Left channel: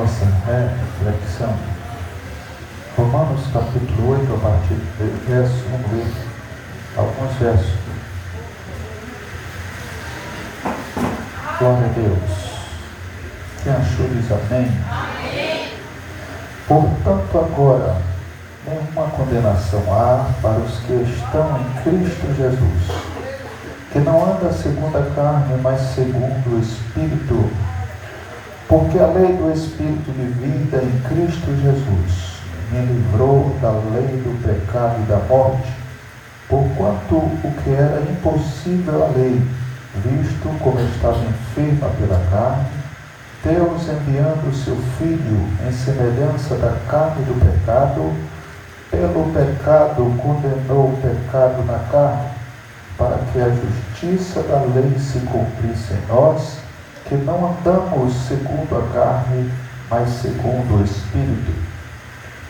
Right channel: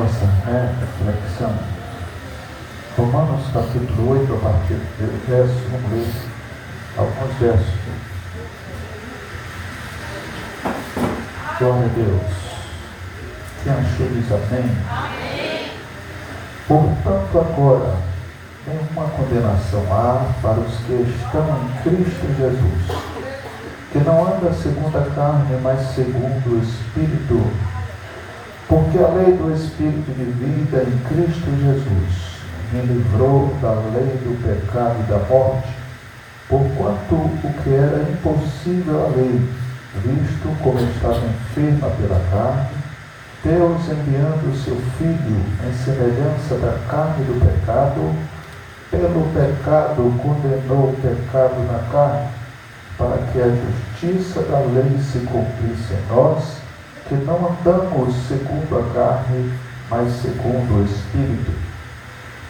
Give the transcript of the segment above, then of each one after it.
Nossa reflexão. Romanos capítulo 8, a partir do verso 1, vamos ler alguns versos. Glória a Deus. Quem achou diz amém? Amém. Portanto, agora, nenhuma condenação há para os que estão em Cristo Jesus, que não anda segundo a carne, mas segundo o Espírito. Porque a lei do Espírito de vida em Cristo Jesus me livrou da lei do pecado e da morte, porquanto o que era impossível à lei, visto como estava enferma pela carne, Deus, enviando o seu Filho em semelhança da carne do pecado, pelo pecado condenou o pecado na carne, para que a justiça da lei se cumprisse em nós, que não andamos segundo a carne, mas segundo o Espírito.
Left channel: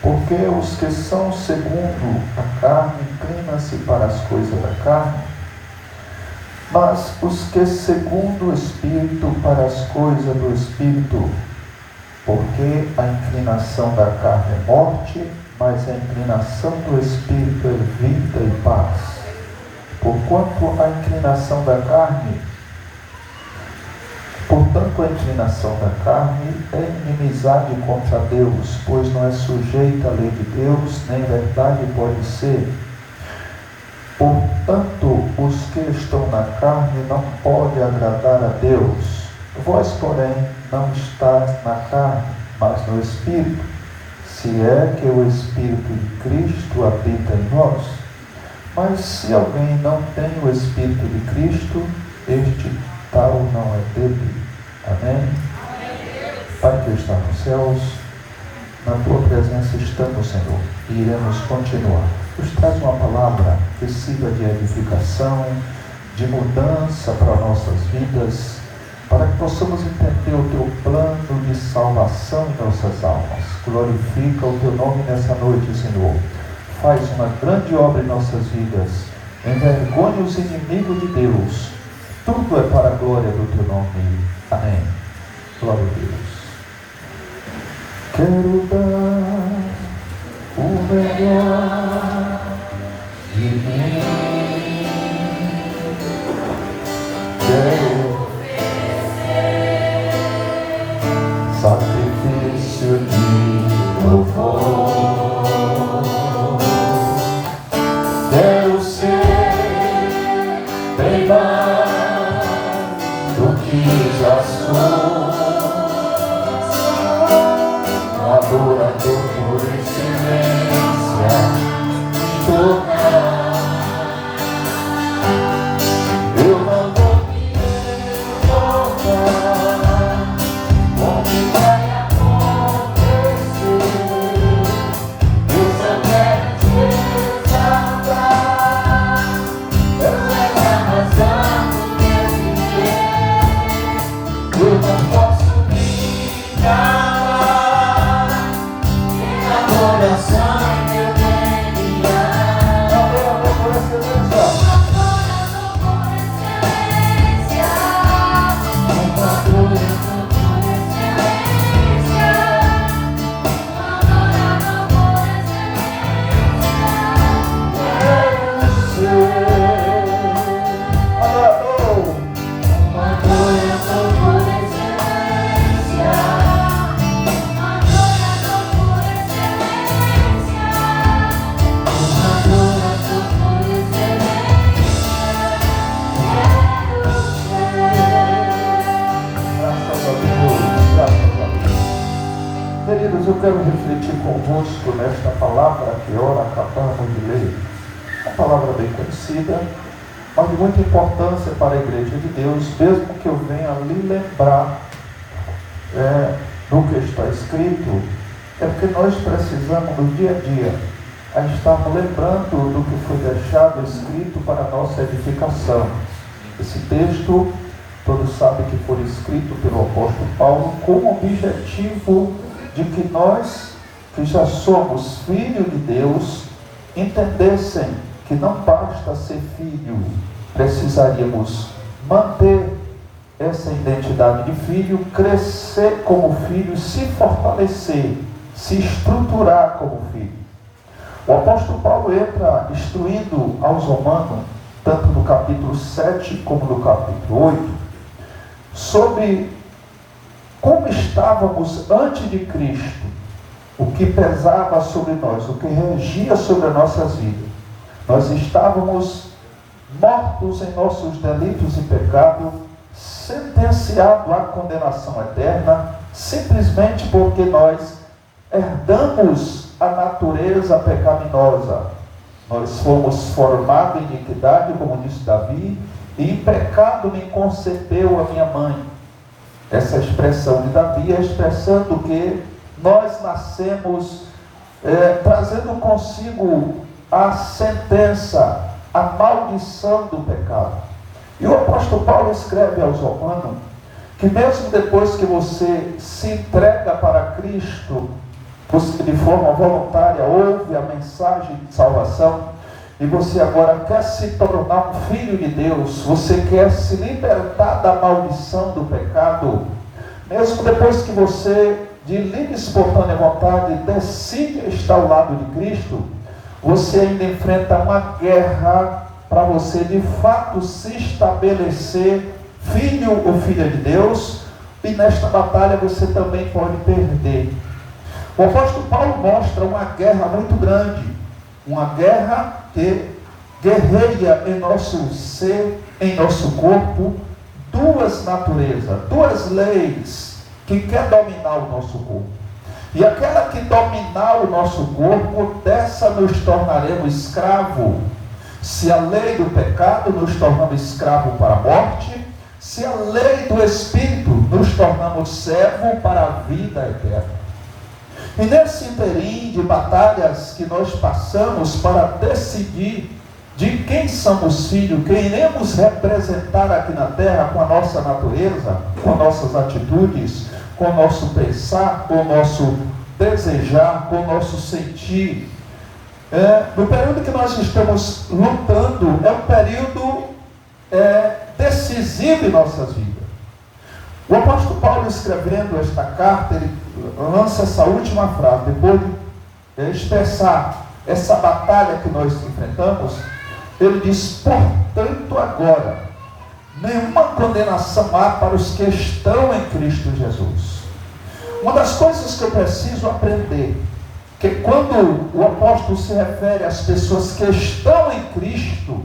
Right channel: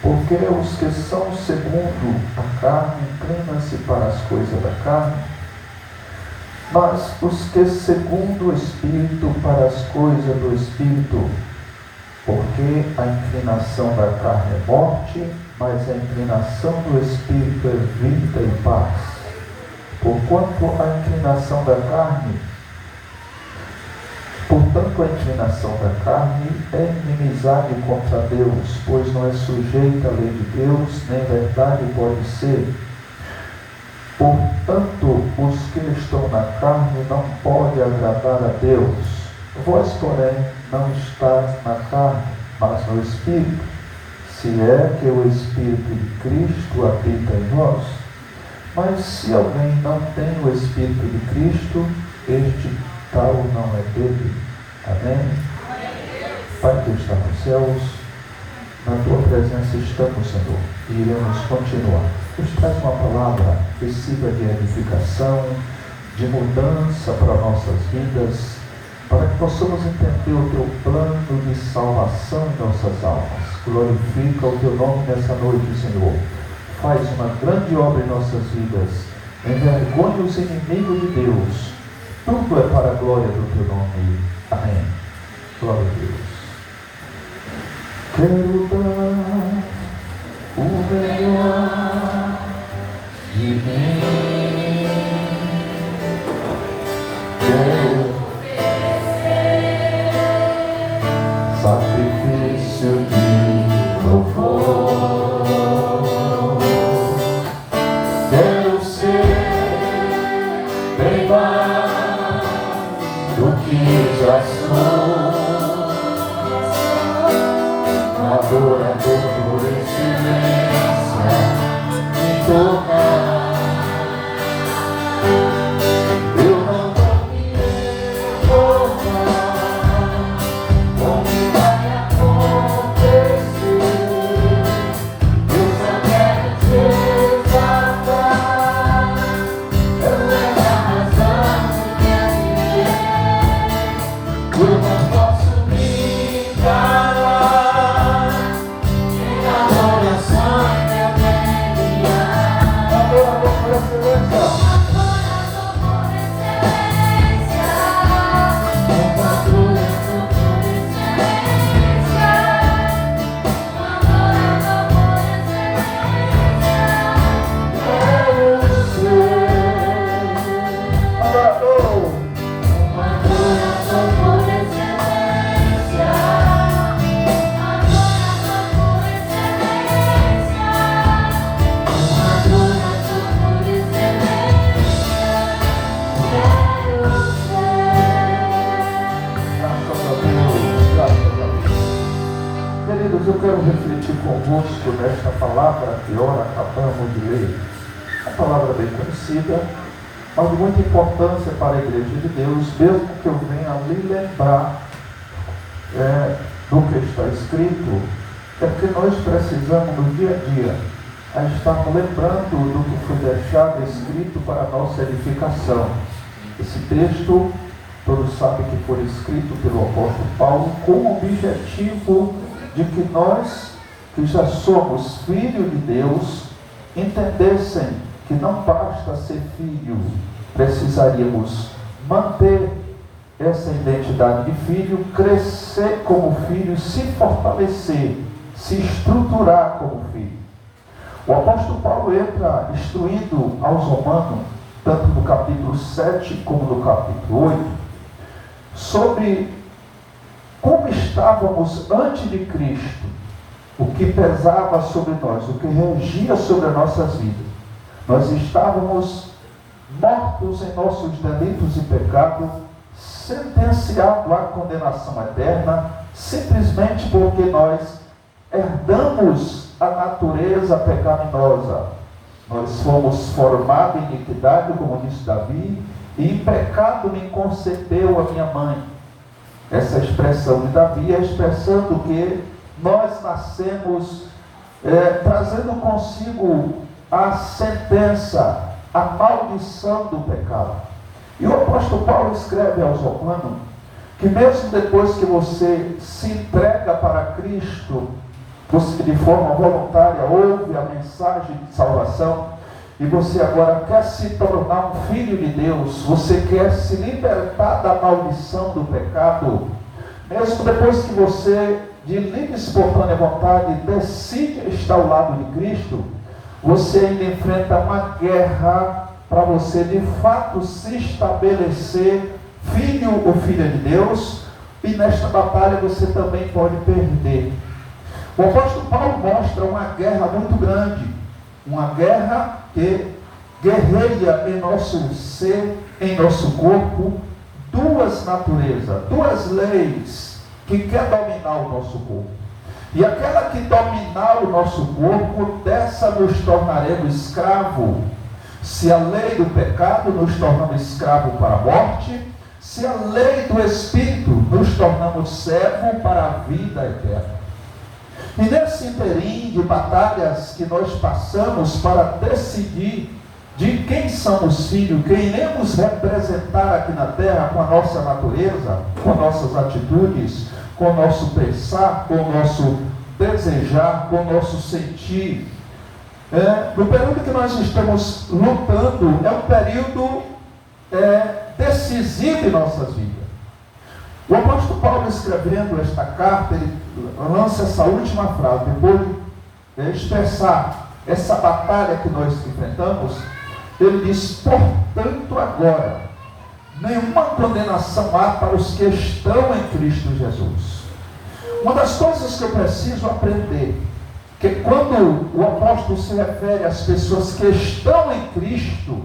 Porque os que são segundo a carne inclinam-se para as coisas da carne, mas os que segundo o Espírito para as coisas do Espírito. Porque a inclinação da carne é morte, mas a inclinação do Espírito é vida e paz. Portanto, a inclinação da carne é inimizade contra Deus, pois não é sujeita à lei de Deus, nem verdade pode ser. Portanto, os que estão na carne não podem agradar a Deus. Vós, porém, não estáis na carne, mas no Espírito, se é que o Espírito de Cristo habita em vós. Mas se alguém não tem o Espírito de Cristo, este tal não é dele. Amém? Pai que está nos céus, na tua presença estamos, Senhor, e iremos continuar. Nos traz uma palavra que sirva de edificação, de mudança para nossas vidas, para que possamos entender o teu plano de salvação em nossas almas. Glorifica o teu nome nessa noite, Senhor. Faz uma grande obra em nossas vidas. Envergonha os inimigos de Deus. Tudo é para a glória do teu nome. Amém. Glória a Deus. Quero dar o melhor de mim. Quero oferecer sacrifício de louvor. Quero ser bem mais do que já sou, adorador por excelência, me tocar. Eu não vou me recordar como vai acontecer. Eu só quero te exaltar, ela é a razão do meu viver. Eu não posso me calar, em adoração e meu bem-viver. Adorador por excelência. Queridos, eu quero refletir convosco nesta palavra que ora acabamos de ler. Uma palavra bem conhecida, mas de muita importância para a Igreja de Deus, mesmo que eu venha lhe lembrar do que está escrito, é porque nós precisamos no dia a dia estar lembrando do que foi deixado escrito para a nossa edificação. Esse texto, todos sabem que foi escrito pelo apóstolo Paulo com o objetivo de que nós, que já somos filhos de Deus, entendessem que não basta ser filho, precisaríamos manter essa identidade de filho, crescer como filho, se fortalecer, se estruturar como filho. O apóstolo Paulo entra instruindo aos romanos, tanto no capítulo 7 como no capítulo 8, sobre como estávamos antes de Cristo, o que pesava sobre nós, o que regia sobre as nossas vidas. Nós estávamos mortos em nossos delitos e pecados, sentenciados à condenação eterna, simplesmente porque nós herdamos a natureza pecaminosa. Nós fomos formados em iniquidade, como disse Davi, e em pecado me concebeu a minha mãe. Essa expressão de Davi é expressando que nós nascemos trazendo consigo a sentença, a maldição do pecado. E o apóstolo Paulo escreve aos romanos que mesmo depois que você se entrega para Cristo, você de forma voluntária ouve a mensagem de salvação, e você agora quer se tornar um filho de Deus, você quer se libertar da maldição do pecado, mesmo depois que você, de livre e espontânea vontade, decide estar ao lado de Cristo, você ainda enfrenta uma guerra para você de fato se estabelecer filho ou filha de Deus, e nesta batalha você também pode perder. O apóstolo Paulo mostra uma guerra muito grande, uma guerra que guerreia em nosso ser, em nosso corpo, duas naturezas, duas leis que quer dominar o nosso corpo. E aquela que dominar o nosso corpo, dessa nos tornaremos escravos. Se a lei do pecado nos tornamos escravos para a morte, se a lei do Espírito nos tornamos servos para a vida eterna. E nesse interim de batalhas que nós passamos para decidir de quem somos filhos, quem iremos representar aqui na terra com a nossa natureza, com nossas atitudes, com o nosso pensar, com o nosso desejar, com o nosso sentir. No período que nós estamos lutando, é um período decisivo em nossas vidas. O apóstolo Paulo, escrevendo esta carta, ele lança essa última frase, depois de expressar essa batalha que nós enfrentamos, ele diz: portanto agora, nenhuma condenação há para os que estão em Cristo Jesus. Uma das coisas que eu preciso aprender, que quando o apóstolo se refere às pessoas que estão em Cristo,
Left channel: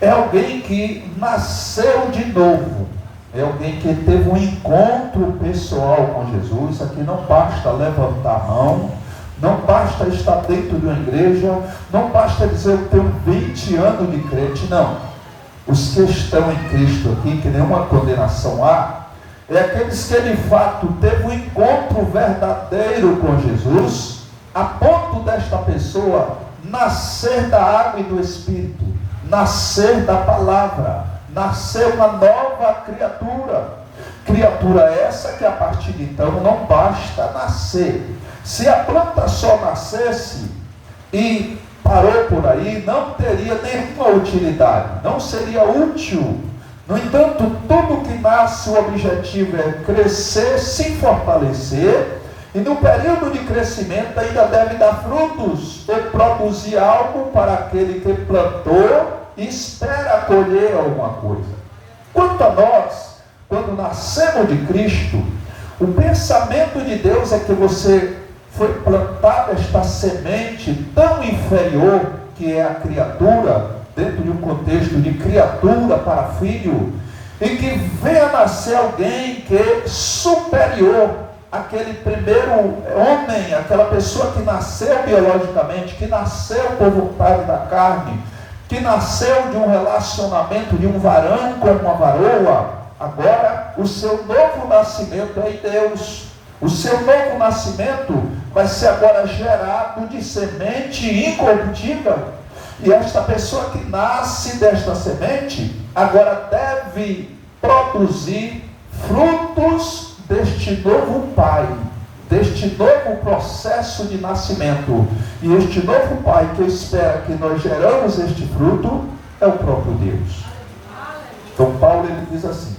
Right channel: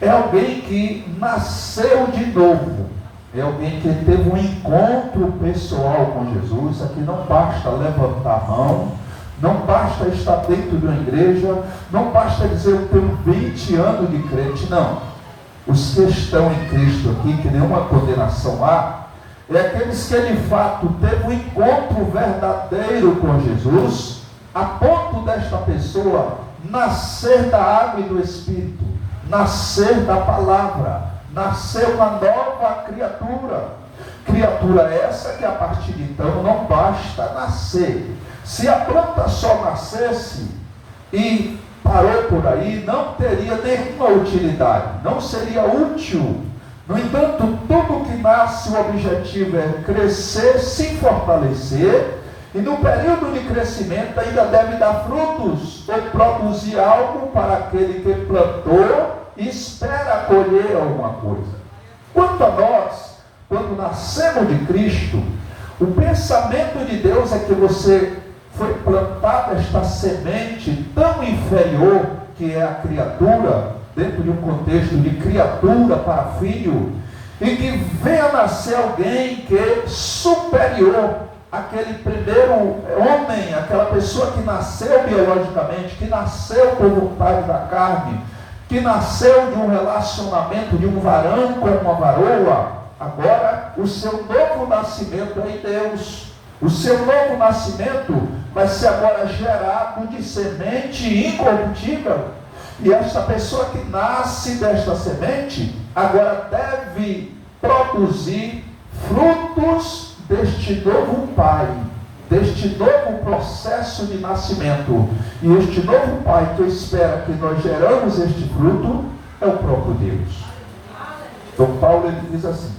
é alguém que nasceu de novo. É alguém que teve um encontro pessoal com Jesus. Aqui não basta levantar a mão, não basta estar dentro de uma igreja, não basta dizer eu tenho 20 anos de crente, não. Os que estão em Cristo aqui, que nenhuma condenação há, é aqueles que de fato teve um encontro verdadeiro com Jesus, a ponto desta pessoa nascer da água e do Espírito, nascer da palavra, nascer uma nova criatura. Criatura essa que a partir de então não basta nascer. Se a planta só nascesse e parou por aí, não teria nenhuma utilidade, não seria útil. No entanto, tudo que nasce, o objetivo é crescer, se fortalecer, e no período de crescimento ainda deve dar frutos, ou produzir algo para aquele que plantou e espera colher alguma coisa. Quanto a nós, quando nascemos de Cristo, o pensamento de Deus é que você foi plantada esta semente tão inferior que é a criatura, dentro de um contexto de criatura para filho, e que venha nascer alguém que é superior àquele primeiro homem, aquela pessoa que nasceu biologicamente, que nasceu por vontade da carne, que nasceu de um relacionamento de um varão com uma varoa. Agora o seu novo nascimento é em Deus. O seu novo nascimento vai ser agora gerado de semente incorruptível. E esta pessoa que nasce desta semente agora deve produzir frutos deste novo pai, deste novo processo de nascimento. E este novo pai que eu espero que nós geramos este fruto é o próprio Deus. Então Paulo ele diz assim:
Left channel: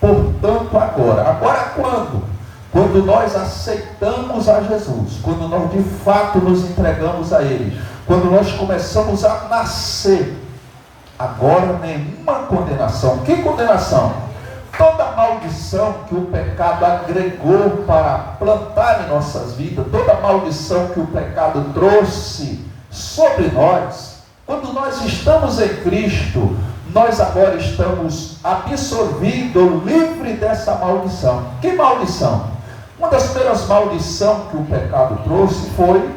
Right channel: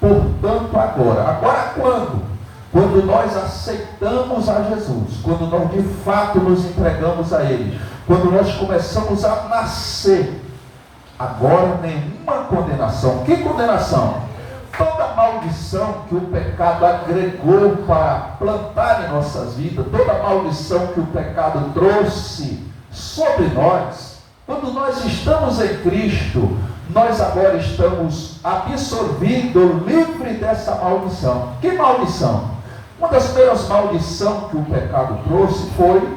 Portanto, agora quando? Quando nós aceitamos a Jesus, quando nós de fato nos entregamos a Ele, quando nós começamos a nascer, agora nenhuma condenação. Que condenação? Toda maldição que o pecado agregou para plantar em nossas vidas, toda maldição que o pecado trouxe sobre nós, quando nós estamos em Cristo, nós agora estamos absorvidos, livres dessa maldição. Que maldição? Uma das primeiras maldições que o pecado trouxe foi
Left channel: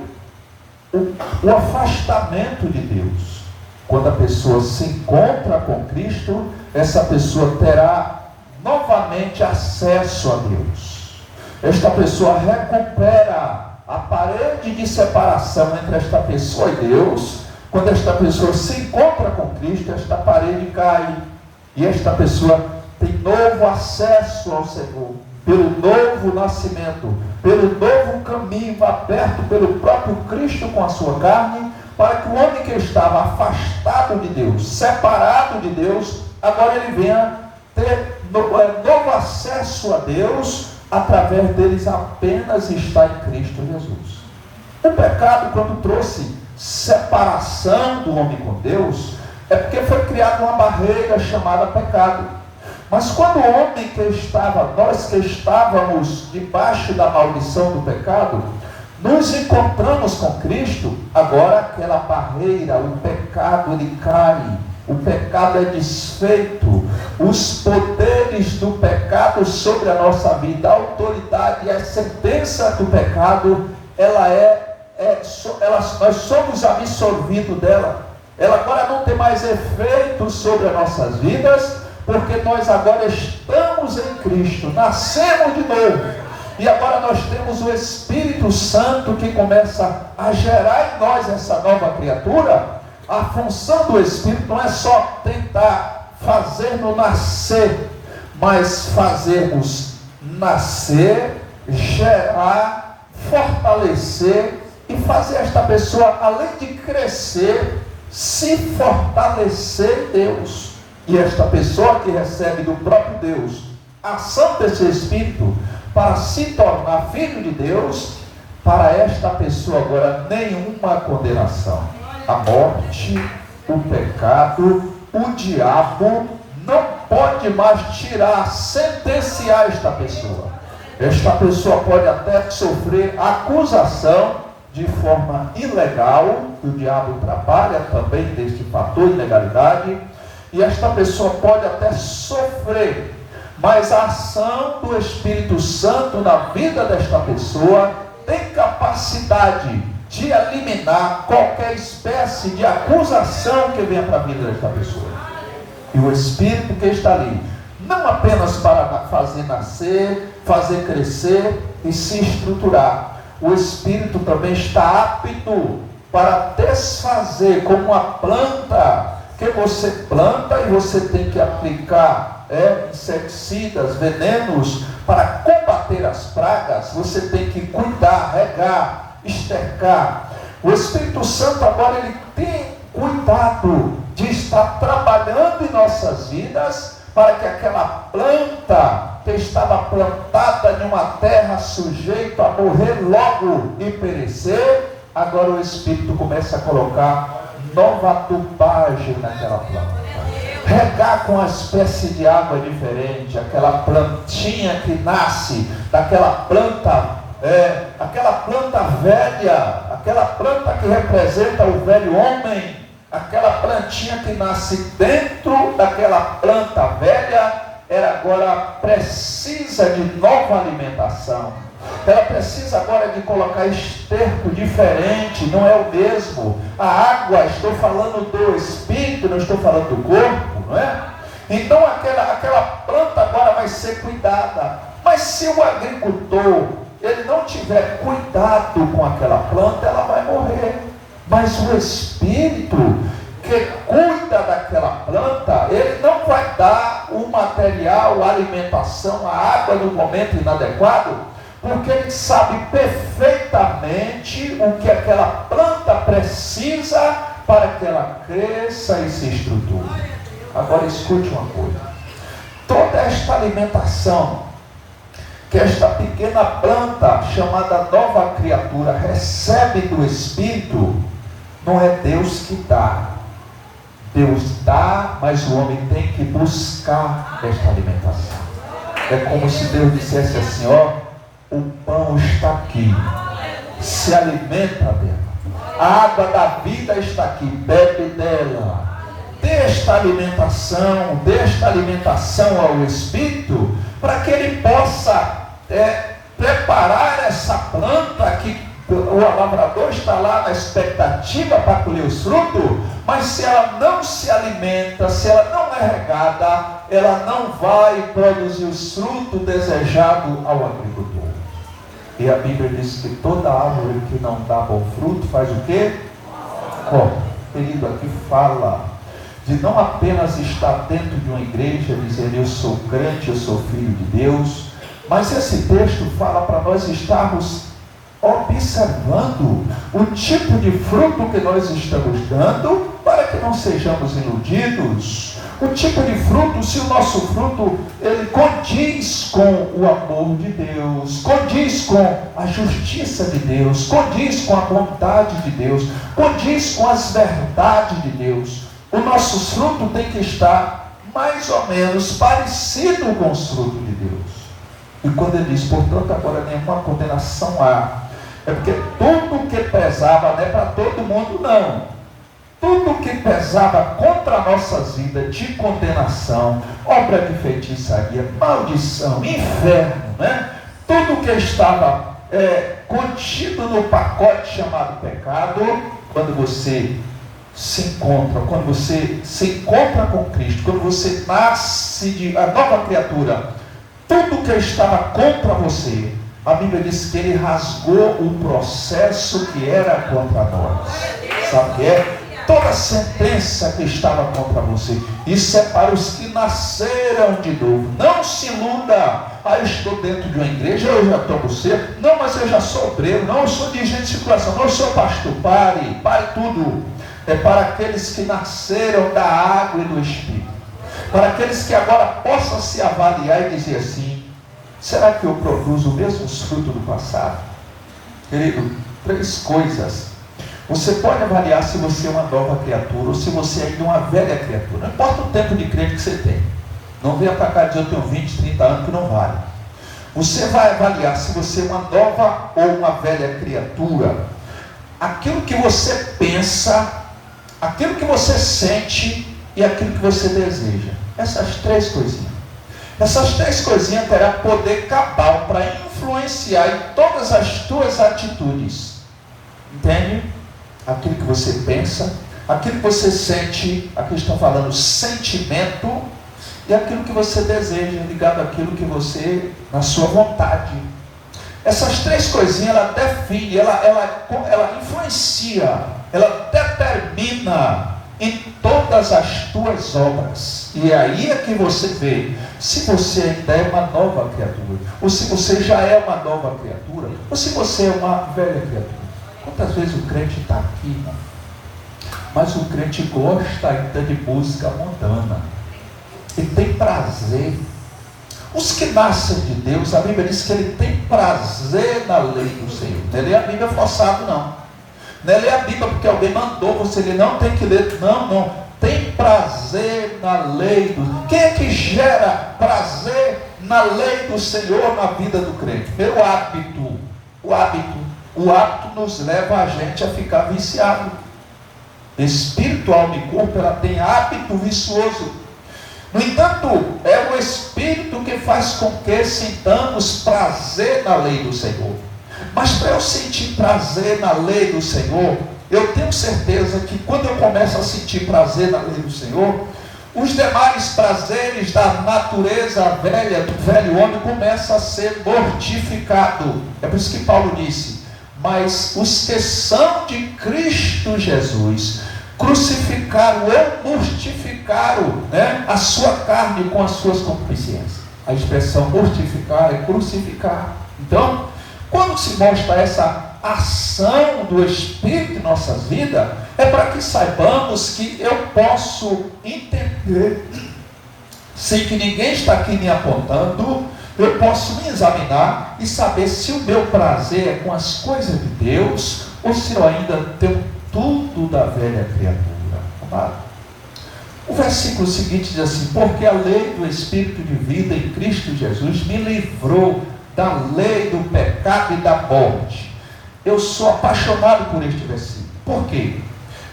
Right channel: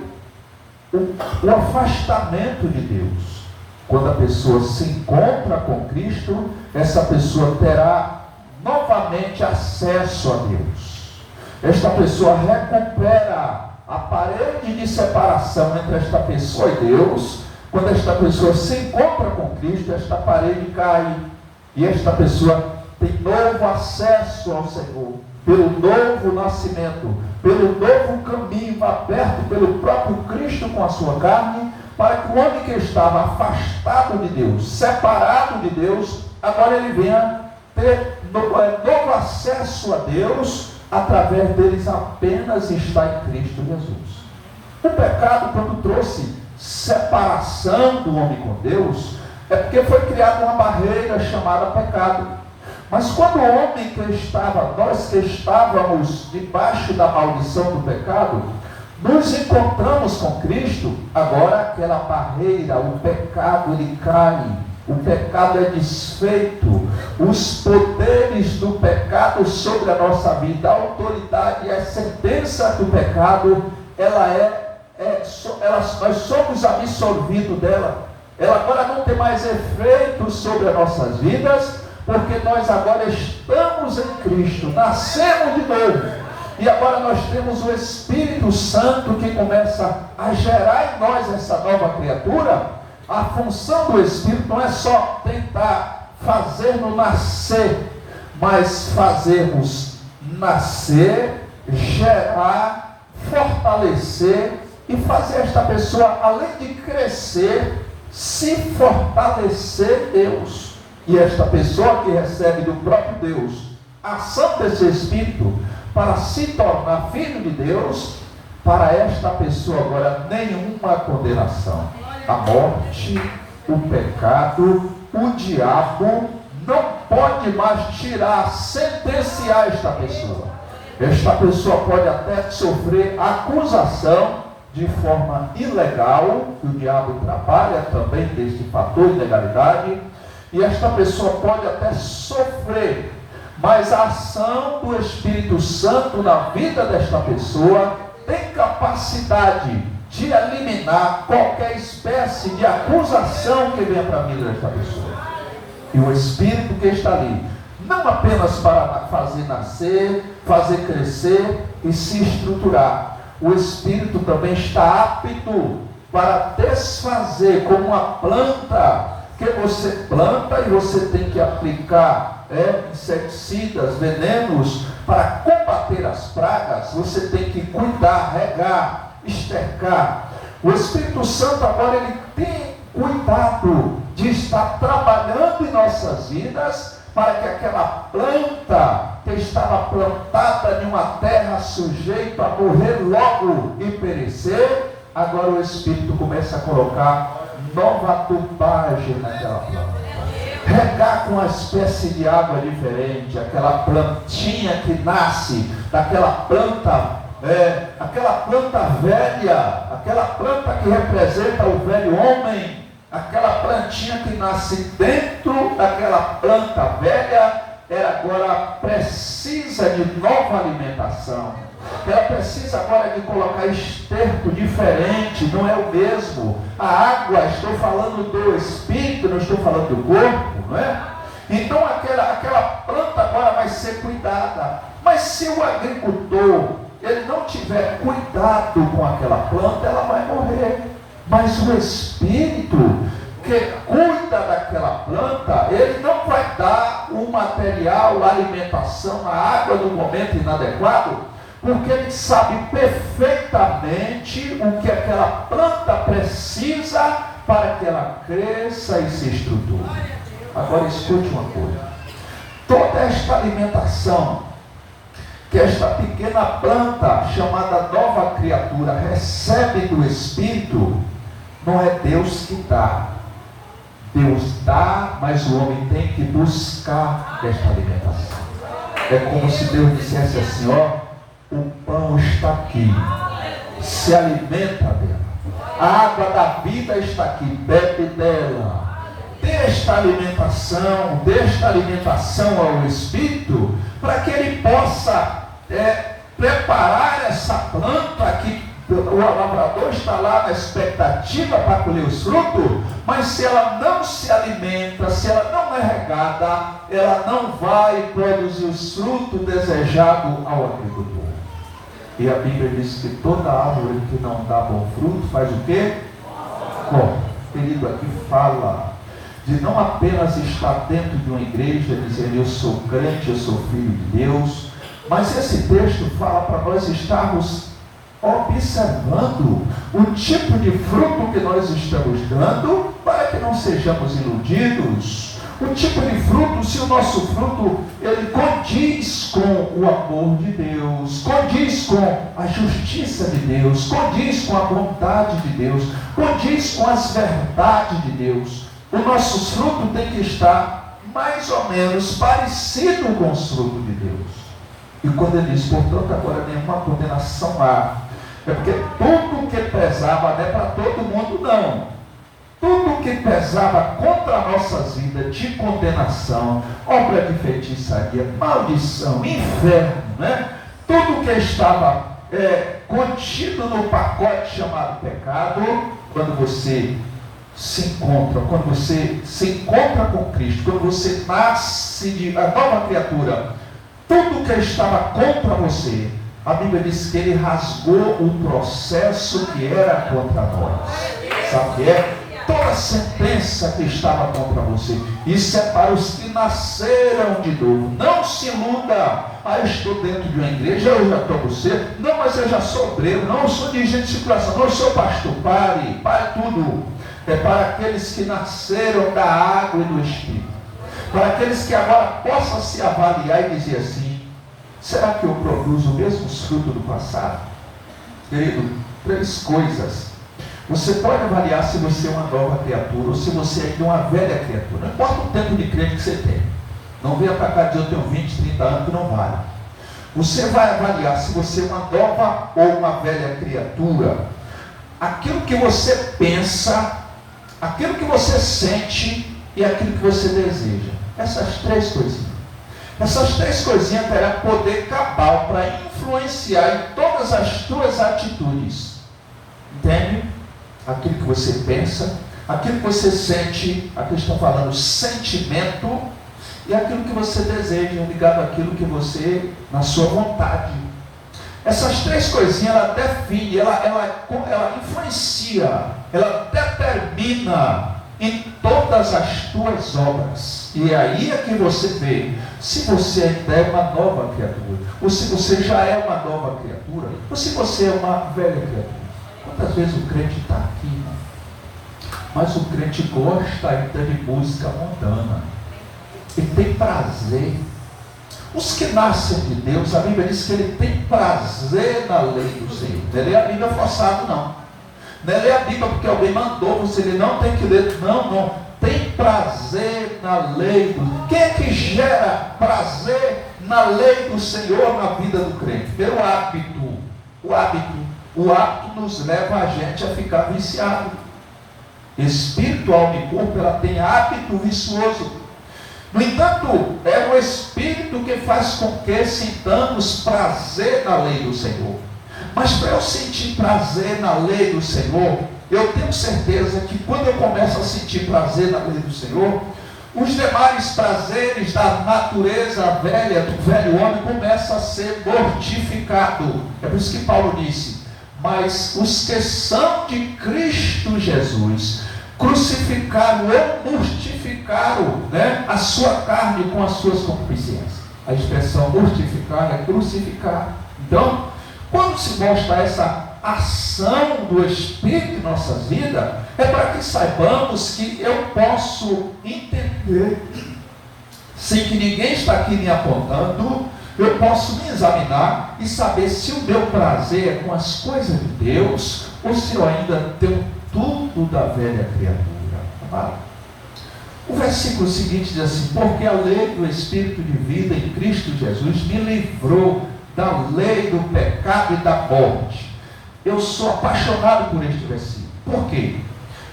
o afastamento de Deus. Quando a pessoa se encontra com Cristo, essa pessoa terá novamente acesso a Deus. Esta pessoa recupera a parede de separação entre esta pessoa e Deus. Quando esta pessoa se encontra com Cristo, esta parede cai e esta pessoa tem novo acesso ao Senhor, pelo novo nascimento, pelo novo caminho aberto pelo próprio Cristo com a sua carne, para que o homem que estava afastado de Deus, separado de Deus, agora ele venha ter novo acesso a Deus, através deles apenas está em Cristo Jesus. O pecado, quando trouxe separação do homem com Deus, é porque foi criada uma barreira chamada pecado. Mas quando o homem nós que estávamos debaixo da maldição do pecado, nos encontramos com Cristo, agora aquela barreira, o pecado ele cai, o pecado é desfeito, os poderes do pecado sobre a nossa vida, a autoridade e a sentença do pecado, nós somos absorvidos dela. Ela agora não tem mais efeito sobre as nossas vidas, porque nós agora estamos em Cristo, nascemos de novo, e agora nós temos o Espírito Santo que começa a gerar em nós essa nova criatura. A função do Espírito não é só tentar fazermos nascer, mas fazermos nascer, gerar, fortalecer e fazer esta pessoa, além de crescer, se fortalecer em Deus. E esta pessoa que recebe do próprio Deus a ação desse Espírito para se tornar filho de Deus, para esta pessoa agora nenhuma condenação. A morte, o pecado, o diabo não pode mais tirar, sentenciar esta pessoa. Esta pessoa pode até sofrer acusação de forma ilegal, que o diabo trabalha também deste fator de ilegalidade, e esta pessoa pode até sofrer, mas a ação do Espírito Santo na vida desta pessoa tem capacidade de eliminar qualquer espécie de acusação que venha para a vida desta pessoa. E o Espírito que está ali, não apenas para fazer nascer, fazer crescer e se estruturar, o Espírito também está apto para desfazer, como uma planta que você planta e você tem que aplicar inseticidas, venenos para combater as pragas. Você tem que cuidar, regar, estercar. O Espírito Santo agora ele tem cuidado de estar trabalhando em nossas vidas para que aquela planta que estava plantada em uma terra sujeita a morrer logo e perecer, agora o Espírito começa a colocar nova tubagem naquela planta, regar com uma espécie de água diferente, aquela plantinha que nasce daquela planta, aquela planta velha, aquela planta que representa o velho homem, aquela plantinha que nasce dentro daquela planta velha, ela agora precisa de nova alimentação. Ela precisa agora de colocar esterco diferente, não é o mesmo. A água, estou falando do Espírito, não estou falando do corpo, não é? Então aquela planta agora vai ser cuidada. Mas se o agricultor, ele não tiver cuidado com aquela planta, ela vai morrer. Mas o Espírito que cuida daquela planta, ele não vai dar o material, a alimentação, a água no momento inadequado, porque ele sabe perfeitamente o que aquela planta precisa para que ela cresça e se estruture. Agora escute uma coisa. toda esta alimentação que esta pequena planta chamada nova criatura recebe do Espírito, não é Deus que dá. Deus dá, mas o homem tem que buscar esta alimentação. É como se Deus dissesse assim: ó, o pão está aqui, se alimenta dela. A água da vida está aqui, bebe dela. Desta alimentação ao Espírito, para que ele possa preparar essa planta que o lavrador está lá na expectativa para colher os frutos, mas se ela não se alimenta, se ela não é regada, ela não vai produzir os frutos desejados ao agricultor. E a Bíblia diz que toda árvore que não dá bom fruto faz o quê? Corre. Querido, aqui fala de não apenas estar dentro de uma igreja dizendo eu sou crente, eu sou filho de Deus, mas esse texto fala para nós estarmos observando o tipo de fruto que nós estamos dando, para que não sejamos iludidos. O tipo de fruto, se o nosso fruto ele condiz com o amor de Deus, condiz com a justiça de Deus, condiz com a bondade de Deus, condiz com as verdades de Deus. O nosso fruto tem que estar mais ou menos parecido com os frutos de Deus. E quando ele diz, portanto, agora nenhuma condenação há, é porque tudo que pesava não é para todo mundo, não. Tudo que pesava contra a nossa vida de condenação, obra de feitiçaria, maldição, inferno, né? Tudo que estava contido no pacote chamado pecado, quando você se encontra com Cristo, quando você nasce de a nova criatura, tudo que estava contra você, a Bíblia diz que ele rasgou o processo que era contra nós. Sabe o que é? Toda sentença que estava contra você, isso é para os que nasceram de novo. Não se iluda: eu estou dentro de uma igreja, eu já estou você. Não, mas eu já sou obreiro, não, eu sou dirigente de circulação, não, eu sou pastor. Pare tudo. É para aqueles que nasceram da água e do Espírito, para aqueles que agora possam se avaliar e dizer assim: será que eu produzo o mesmo fruto do passado? Querido, 3 coisas. Você pode avaliar se você é uma nova criatura ou se você ainda é uma velha criatura. Não importa o tempo de crente que você tem. Não venha para cá dizer eu tenho 20, 30 anos, que não vale. Você vai avaliar se você é uma nova ou uma velha criatura. Aquilo que você pensa, aquilo que você sente e aquilo que você deseja. Essas 3 coisinhas. Essas 3 coisinhas terá poder cabal para influenciar em todas as tuas atitudes. Entende? Aquilo que você pensa, aquilo que você sente, aqui estão falando sentimento, e aquilo que você deseja, ligado àquilo que você, na sua vontade. Essas 3 coisinhas, ela define, ela influencia, ela determina em todas as tuas obras. E é aí que você vê se você ainda é uma nova criatura, ou se você já é uma nova criatura, ou se você é uma velha criatura. Quantas vezes o crente está aqui, mas o crente gosta ainda de música mundana, e tem prazer. Os que nascem de Deus, a Bíblia diz que ele tem prazer na lei do Senhor. Não é ler a Bíblia forçado, não. Não é ler a Bíblia porque alguém mandou você ler, não tem que ler, não. Tem prazer na lei do... Quem é que gera prazer na lei do Senhor na vida do crente? Pelo hábito. O hábito nos leva a gente a ficar viciado. Espírito, alma e corpo, ela tem hábito vicioso. No entanto, é o Espírito que faz com que sintamos prazer na lei do Senhor. Mas para eu sentir prazer na lei do Senhor, eu tenho certeza que quando eu começo a sentir prazer na lei do Senhor, os demais prazeres da natureza velha, do velho homem, começam a ser mortificados. É por isso que Paulo disse: mas os que são de Cristo Jesus crucificaram ou mortificaram, a sua carne com as suas concupiscências. A expressão mortificar é crucificar. Então, quando se mostra essa ação do Espírito em nossas vidas, é para que saibamos que eu posso entender sem que ninguém está aqui me apontando, eu posso me examinar e saber se o meu prazer é com as coisas de Deus ou se eu ainda tenho tudo da velha criatura. Amado? O versículo seguinte diz assim: porque a lei do Espírito de vida em Cristo Jesus me livrou da lei do pecado e da morte. Eu sou apaixonado por este versículo. Por quê?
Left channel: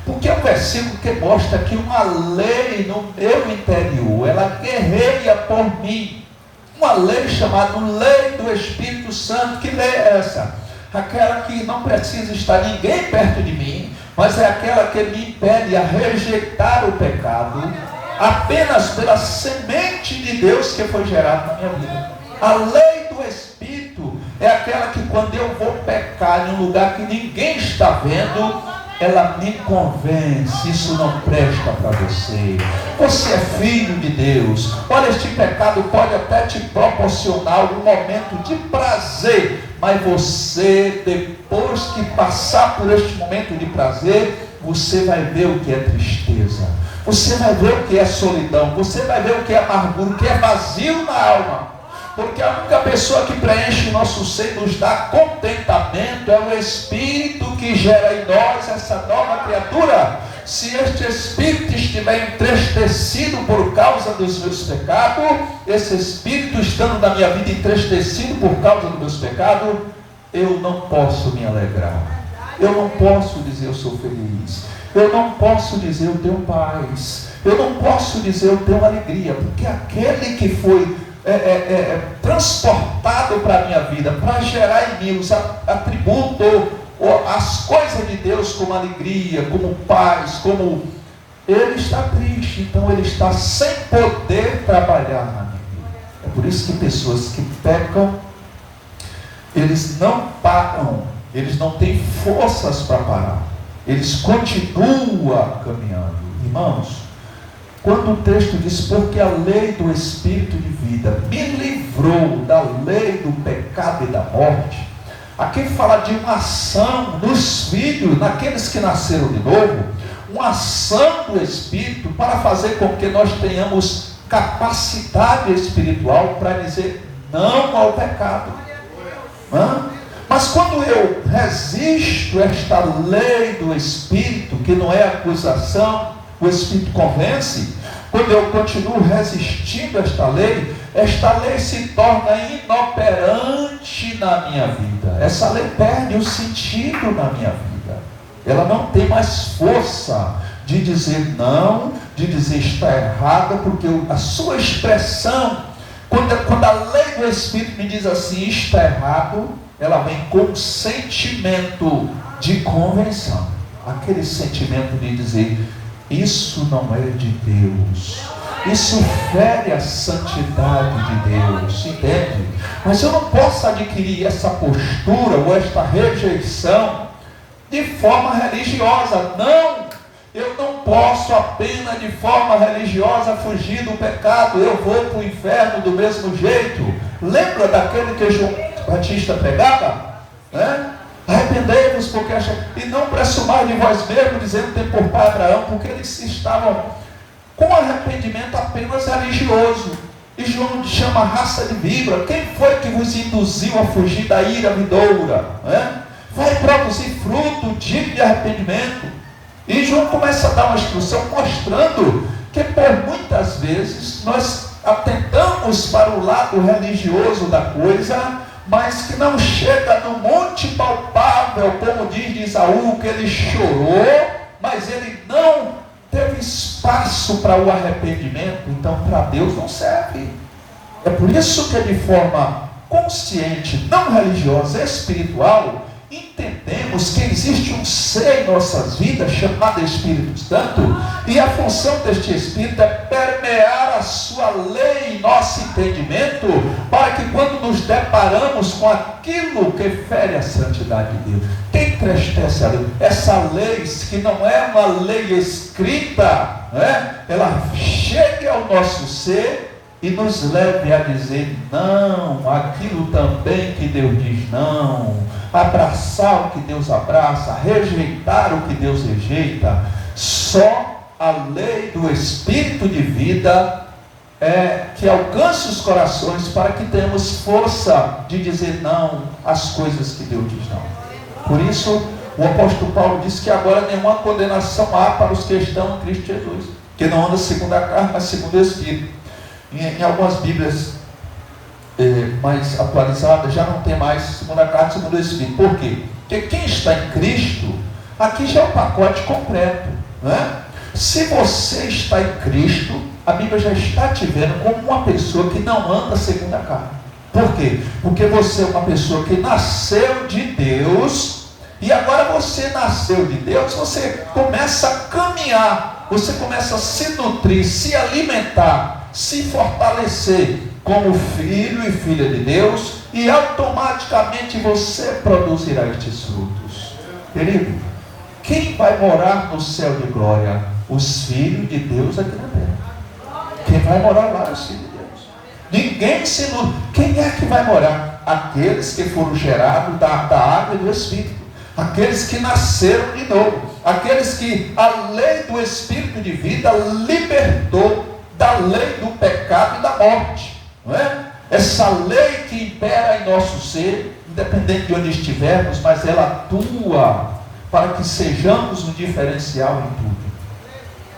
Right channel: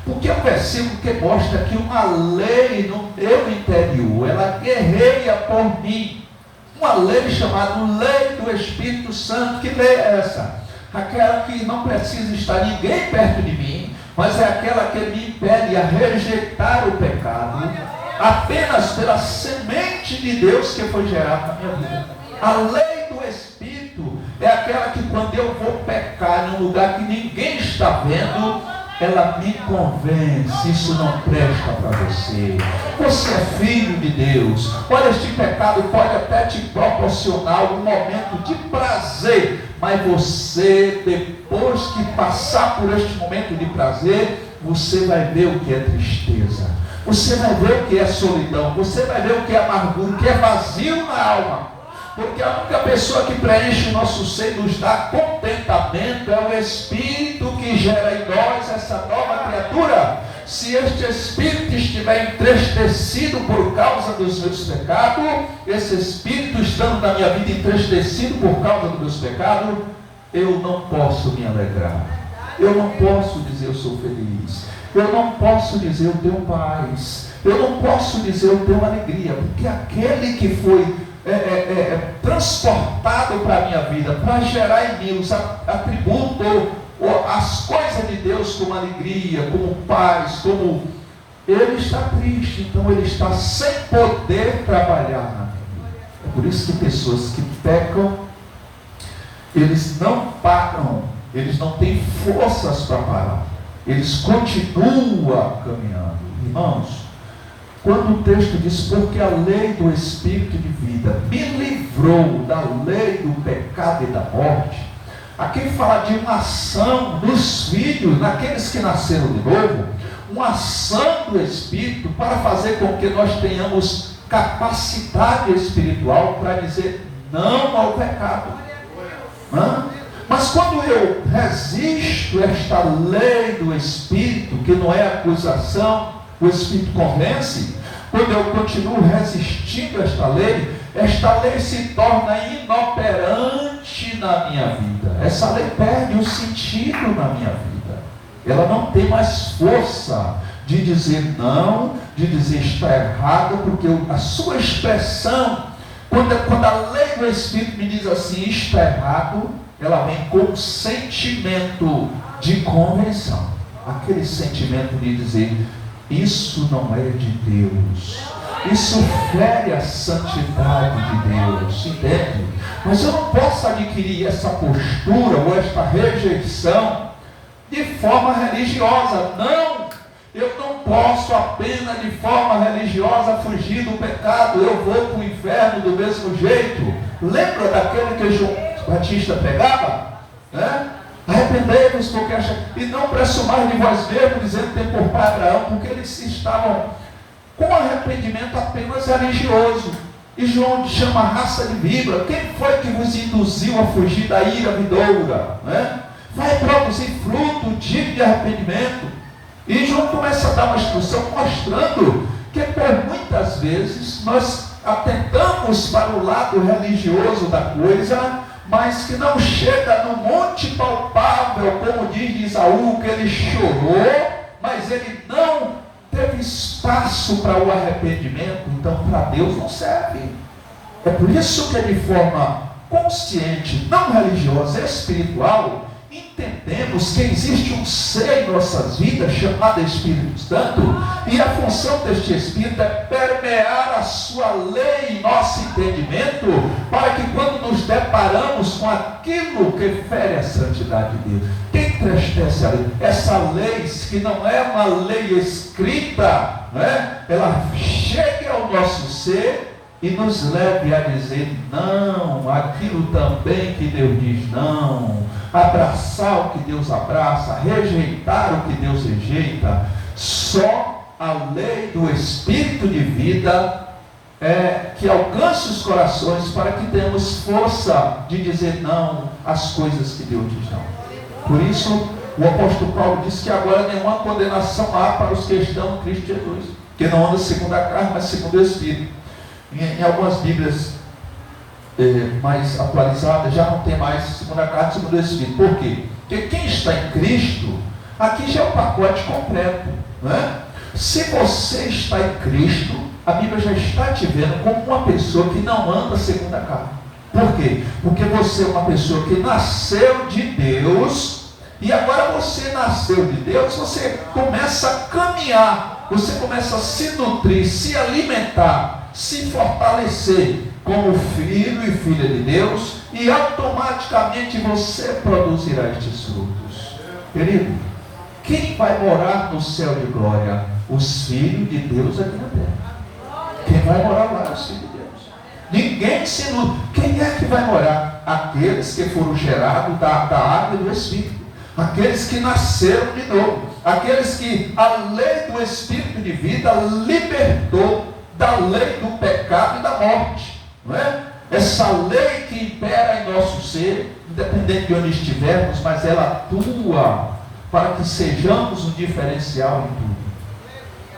Porque é um versículo que mostra que uma lei no meu interior, ela guerreia por mim. Uma lei chamada lei do Espírito Santo. Que lei é essa? Aquela que não precisa estar ninguém perto de mim, mas é aquela que me impede a rejeitar o pecado, apenas pela semente de Deus que foi gerada na minha vida. A lei do Espírito é aquela que quando eu vou pecar em um lugar que ninguém está vendo, ela me convence: isso não presta para você, você é filho de Deus. Olha, este pecado pode até te proporcionar algum momento de prazer, mas você, depois que passar por este momento de prazer, você vai ver o que é tristeza, você vai ver o que é solidão, você vai ver o que é amargura, o que é vazio na alma. Porque a única pessoa que preenche o nosso ser, nos dá contentamento, é o Espírito que gera em nós essa nova criatura. Se este Espírito estiver entristecido por causa dos meus pecados, esse Espírito estando na minha vida entristecido por causa dos meus pecados, eu não posso me alegrar, eu não posso dizer eu sou feliz, eu não posso dizer eu tenho paz, eu não posso dizer eu tenho alegria, porque aquele que foi transportado para a minha vida, para gerar em mim os atributos, as coisas de Deus, como alegria, como paz, como... ele está triste, então ele está sem poder trabalhar na minha vida. É por isso que pessoas que pecam, eles não param, eles não têm forças para parar, eles continuam caminhando. Irmãos, quando o texto diz: porque a lei do Espírito de vida me livrou da lei do pecado e da morte, aqui fala de uma ação nos filhos, naqueles que nasceram de novo, uma ação do Espírito para fazer com que nós tenhamos capacidade espiritual para dizer não ao pecado. Mas quando eu resisto a esta lei do Espírito, que não é acusação, o Espírito convence, quando eu continuo resistindo a esta lei se torna inoperante na minha vida. Essa lei perde o sentido na minha vida. Ela não tem mais força de dizer não, de dizer está errada, porque a sua expressão, quando a lei do Espírito me diz assim, está errado, ela vem com um sentimento de convenção. Aquele sentimento de dizer: isso não é de Deus, isso fere a santidade de Deus, entende? Mas eu não posso adquirir essa postura ou esta rejeição de forma religiosa. Não, eu não posso apenas de forma religiosa fugir do pecado. Eu vou para o inferno do mesmo jeito. Lembra daquele que João Batista pregava? Arrependei-vos, porque e não pressumais de vós mesmos, dizendo tem por pai Abraão, porque eles estavam com arrependimento apenas religioso. E João chama raça de víbora. Quem foi que vos induziu a fugir da ira vindoura? Vai produzir fruto digno de arrependimento. E João começa a dar uma instrução mostrando que por muitas vezes nós atentamos para o lado religioso da coisa, mas que não chega no monte palpável, como diz Esaú, que ele chorou, mas ele não teve espaço para o arrependimento. Então para Deus não serve. É por isso que de forma consciente, não religiosa, espiritual, entendemos que existe um ser em nossas vidas chamado Espírito Santo, e a função deste Espírito é permear a sua lei em nosso entendimento, para que quando nos deparamos com aquilo que fere a santidade de Deus, que entristece a lei, essa lei que não é uma lei escrita, ela chegue ao nosso ser e nos leve a dizer não, aquilo também que Deus diz não, abraçar o que Deus abraça, rejeitar o que Deus rejeita. Só a lei do Espírito de vida que alcance os corações para que tenhamos força de dizer não às coisas que Deus diz não. Por isso, o apóstolo Paulo diz que agora nenhuma condenação há para os que estão em Cristo Jesus, que não andam segundo a carne, mas segundo o Espírito. Em algumas Bíblias mais atualizadas já não tem mais segundo a carne, segundo o Espírito. Por quê? Porque quem está em Cristo, aqui já é o pacote completo, não é? Se você está em Cristo, a Bíblia já está te vendo como uma pessoa que não anda segundo a carne. Por quê? Porque você é uma pessoa que nasceu de Deus, e agora você nasceu de Deus, você começa a caminhar, você começa a se nutrir, se alimentar, se fortalecer como filho e filha de Deus, e automaticamente você produzirá estes frutos. Querido, quem vai morar no céu de glória? Os filhos de Deus aqui na terra. Quem vai morar lá é os filhos de Deus. Ninguém se ilude. Quem é que vai morar? Aqueles que foram gerados da água e do Espírito. Aqueles que nasceram de novo. Aqueles que a lei do Espírito de vida libertou da lei do pecado e da morte. Não é? Essa lei que impera em nosso ser, independente de onde estivermos, mas ela atua para que sejamos um diferencial em tudo.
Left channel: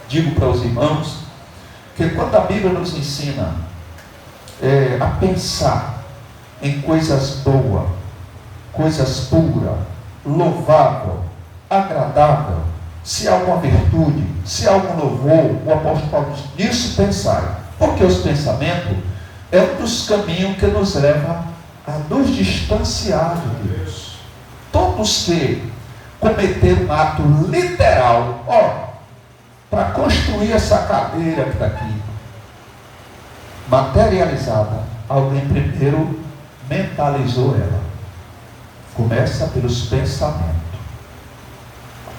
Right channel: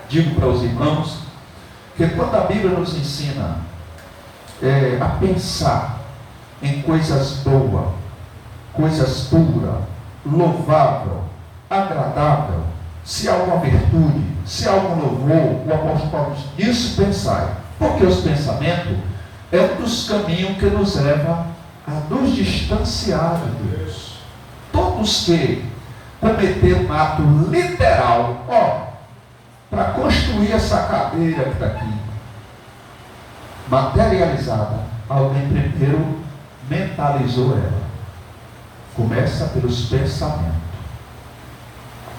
Digo para os irmãos que quando a Bíblia nos ensina a pensar em coisas boas, coisas puras, louvável, agradável, se há alguma virtude, se há algum louvor, o apóstolo Paulo diz, nisso pensai, porque os pensamentos é um dos caminhos que nos leva a nos distanciar de Deus. Todos que cometeram um ato literal, para construir essa cadeira que está aqui, materializada, alguém primeiro mentalizou ela. Começa pelos pensamentos.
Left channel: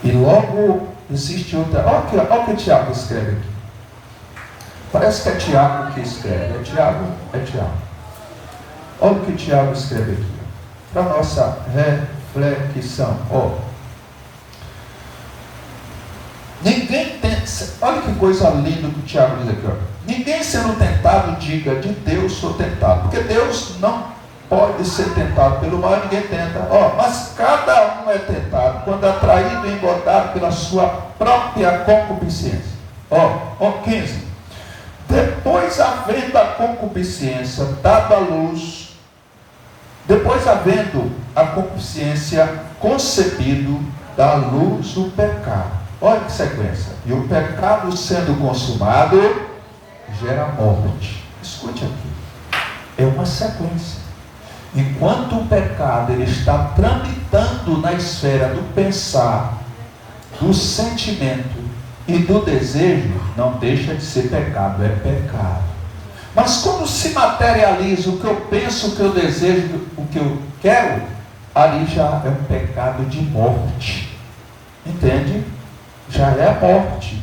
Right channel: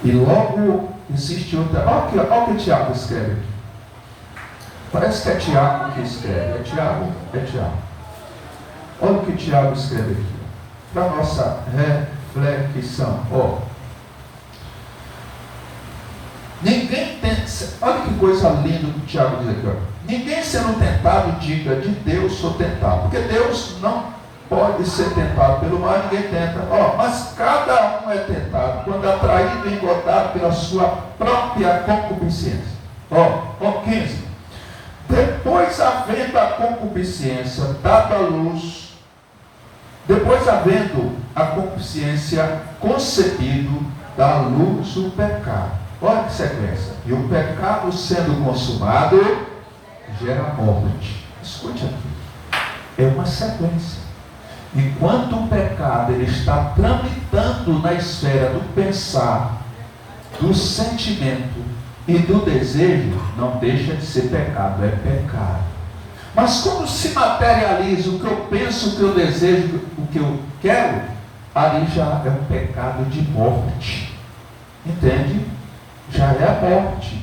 E logo existe outra. Olha o que Tiago escreve aqui. Parece que é Tiago que escreve. É Tiago? É Tiago. Olha o que Tiago escreve aqui. Para a nossa reflexão. Ninguém tem. Olha que coisa linda que o Tiago diz aqui. Ninguém sendo tentado diga, de Deus sou tentado. Porque Deus não pode ser tentado pelo mal, ninguém tenta. Mas cada um é tentado quando atraído e engodado pela sua própria concupiscência. 15. Depois havendo a concupiscência dado à luz, depois havendo a concupiscência concebido, dá à luz o pecado. Olha que sequência. E o pecado sendo consumado gera morte. Escute aqui. É uma sequência. Enquanto o pecado ele está tramitando na esfera do pensar, do sentimento e do desejo, não deixa de ser pecado, é pecado. Mas quando se materializa o que eu penso, o que eu desejo, o que eu quero, ali já é um pecado de morte. Entende? Já é a morte.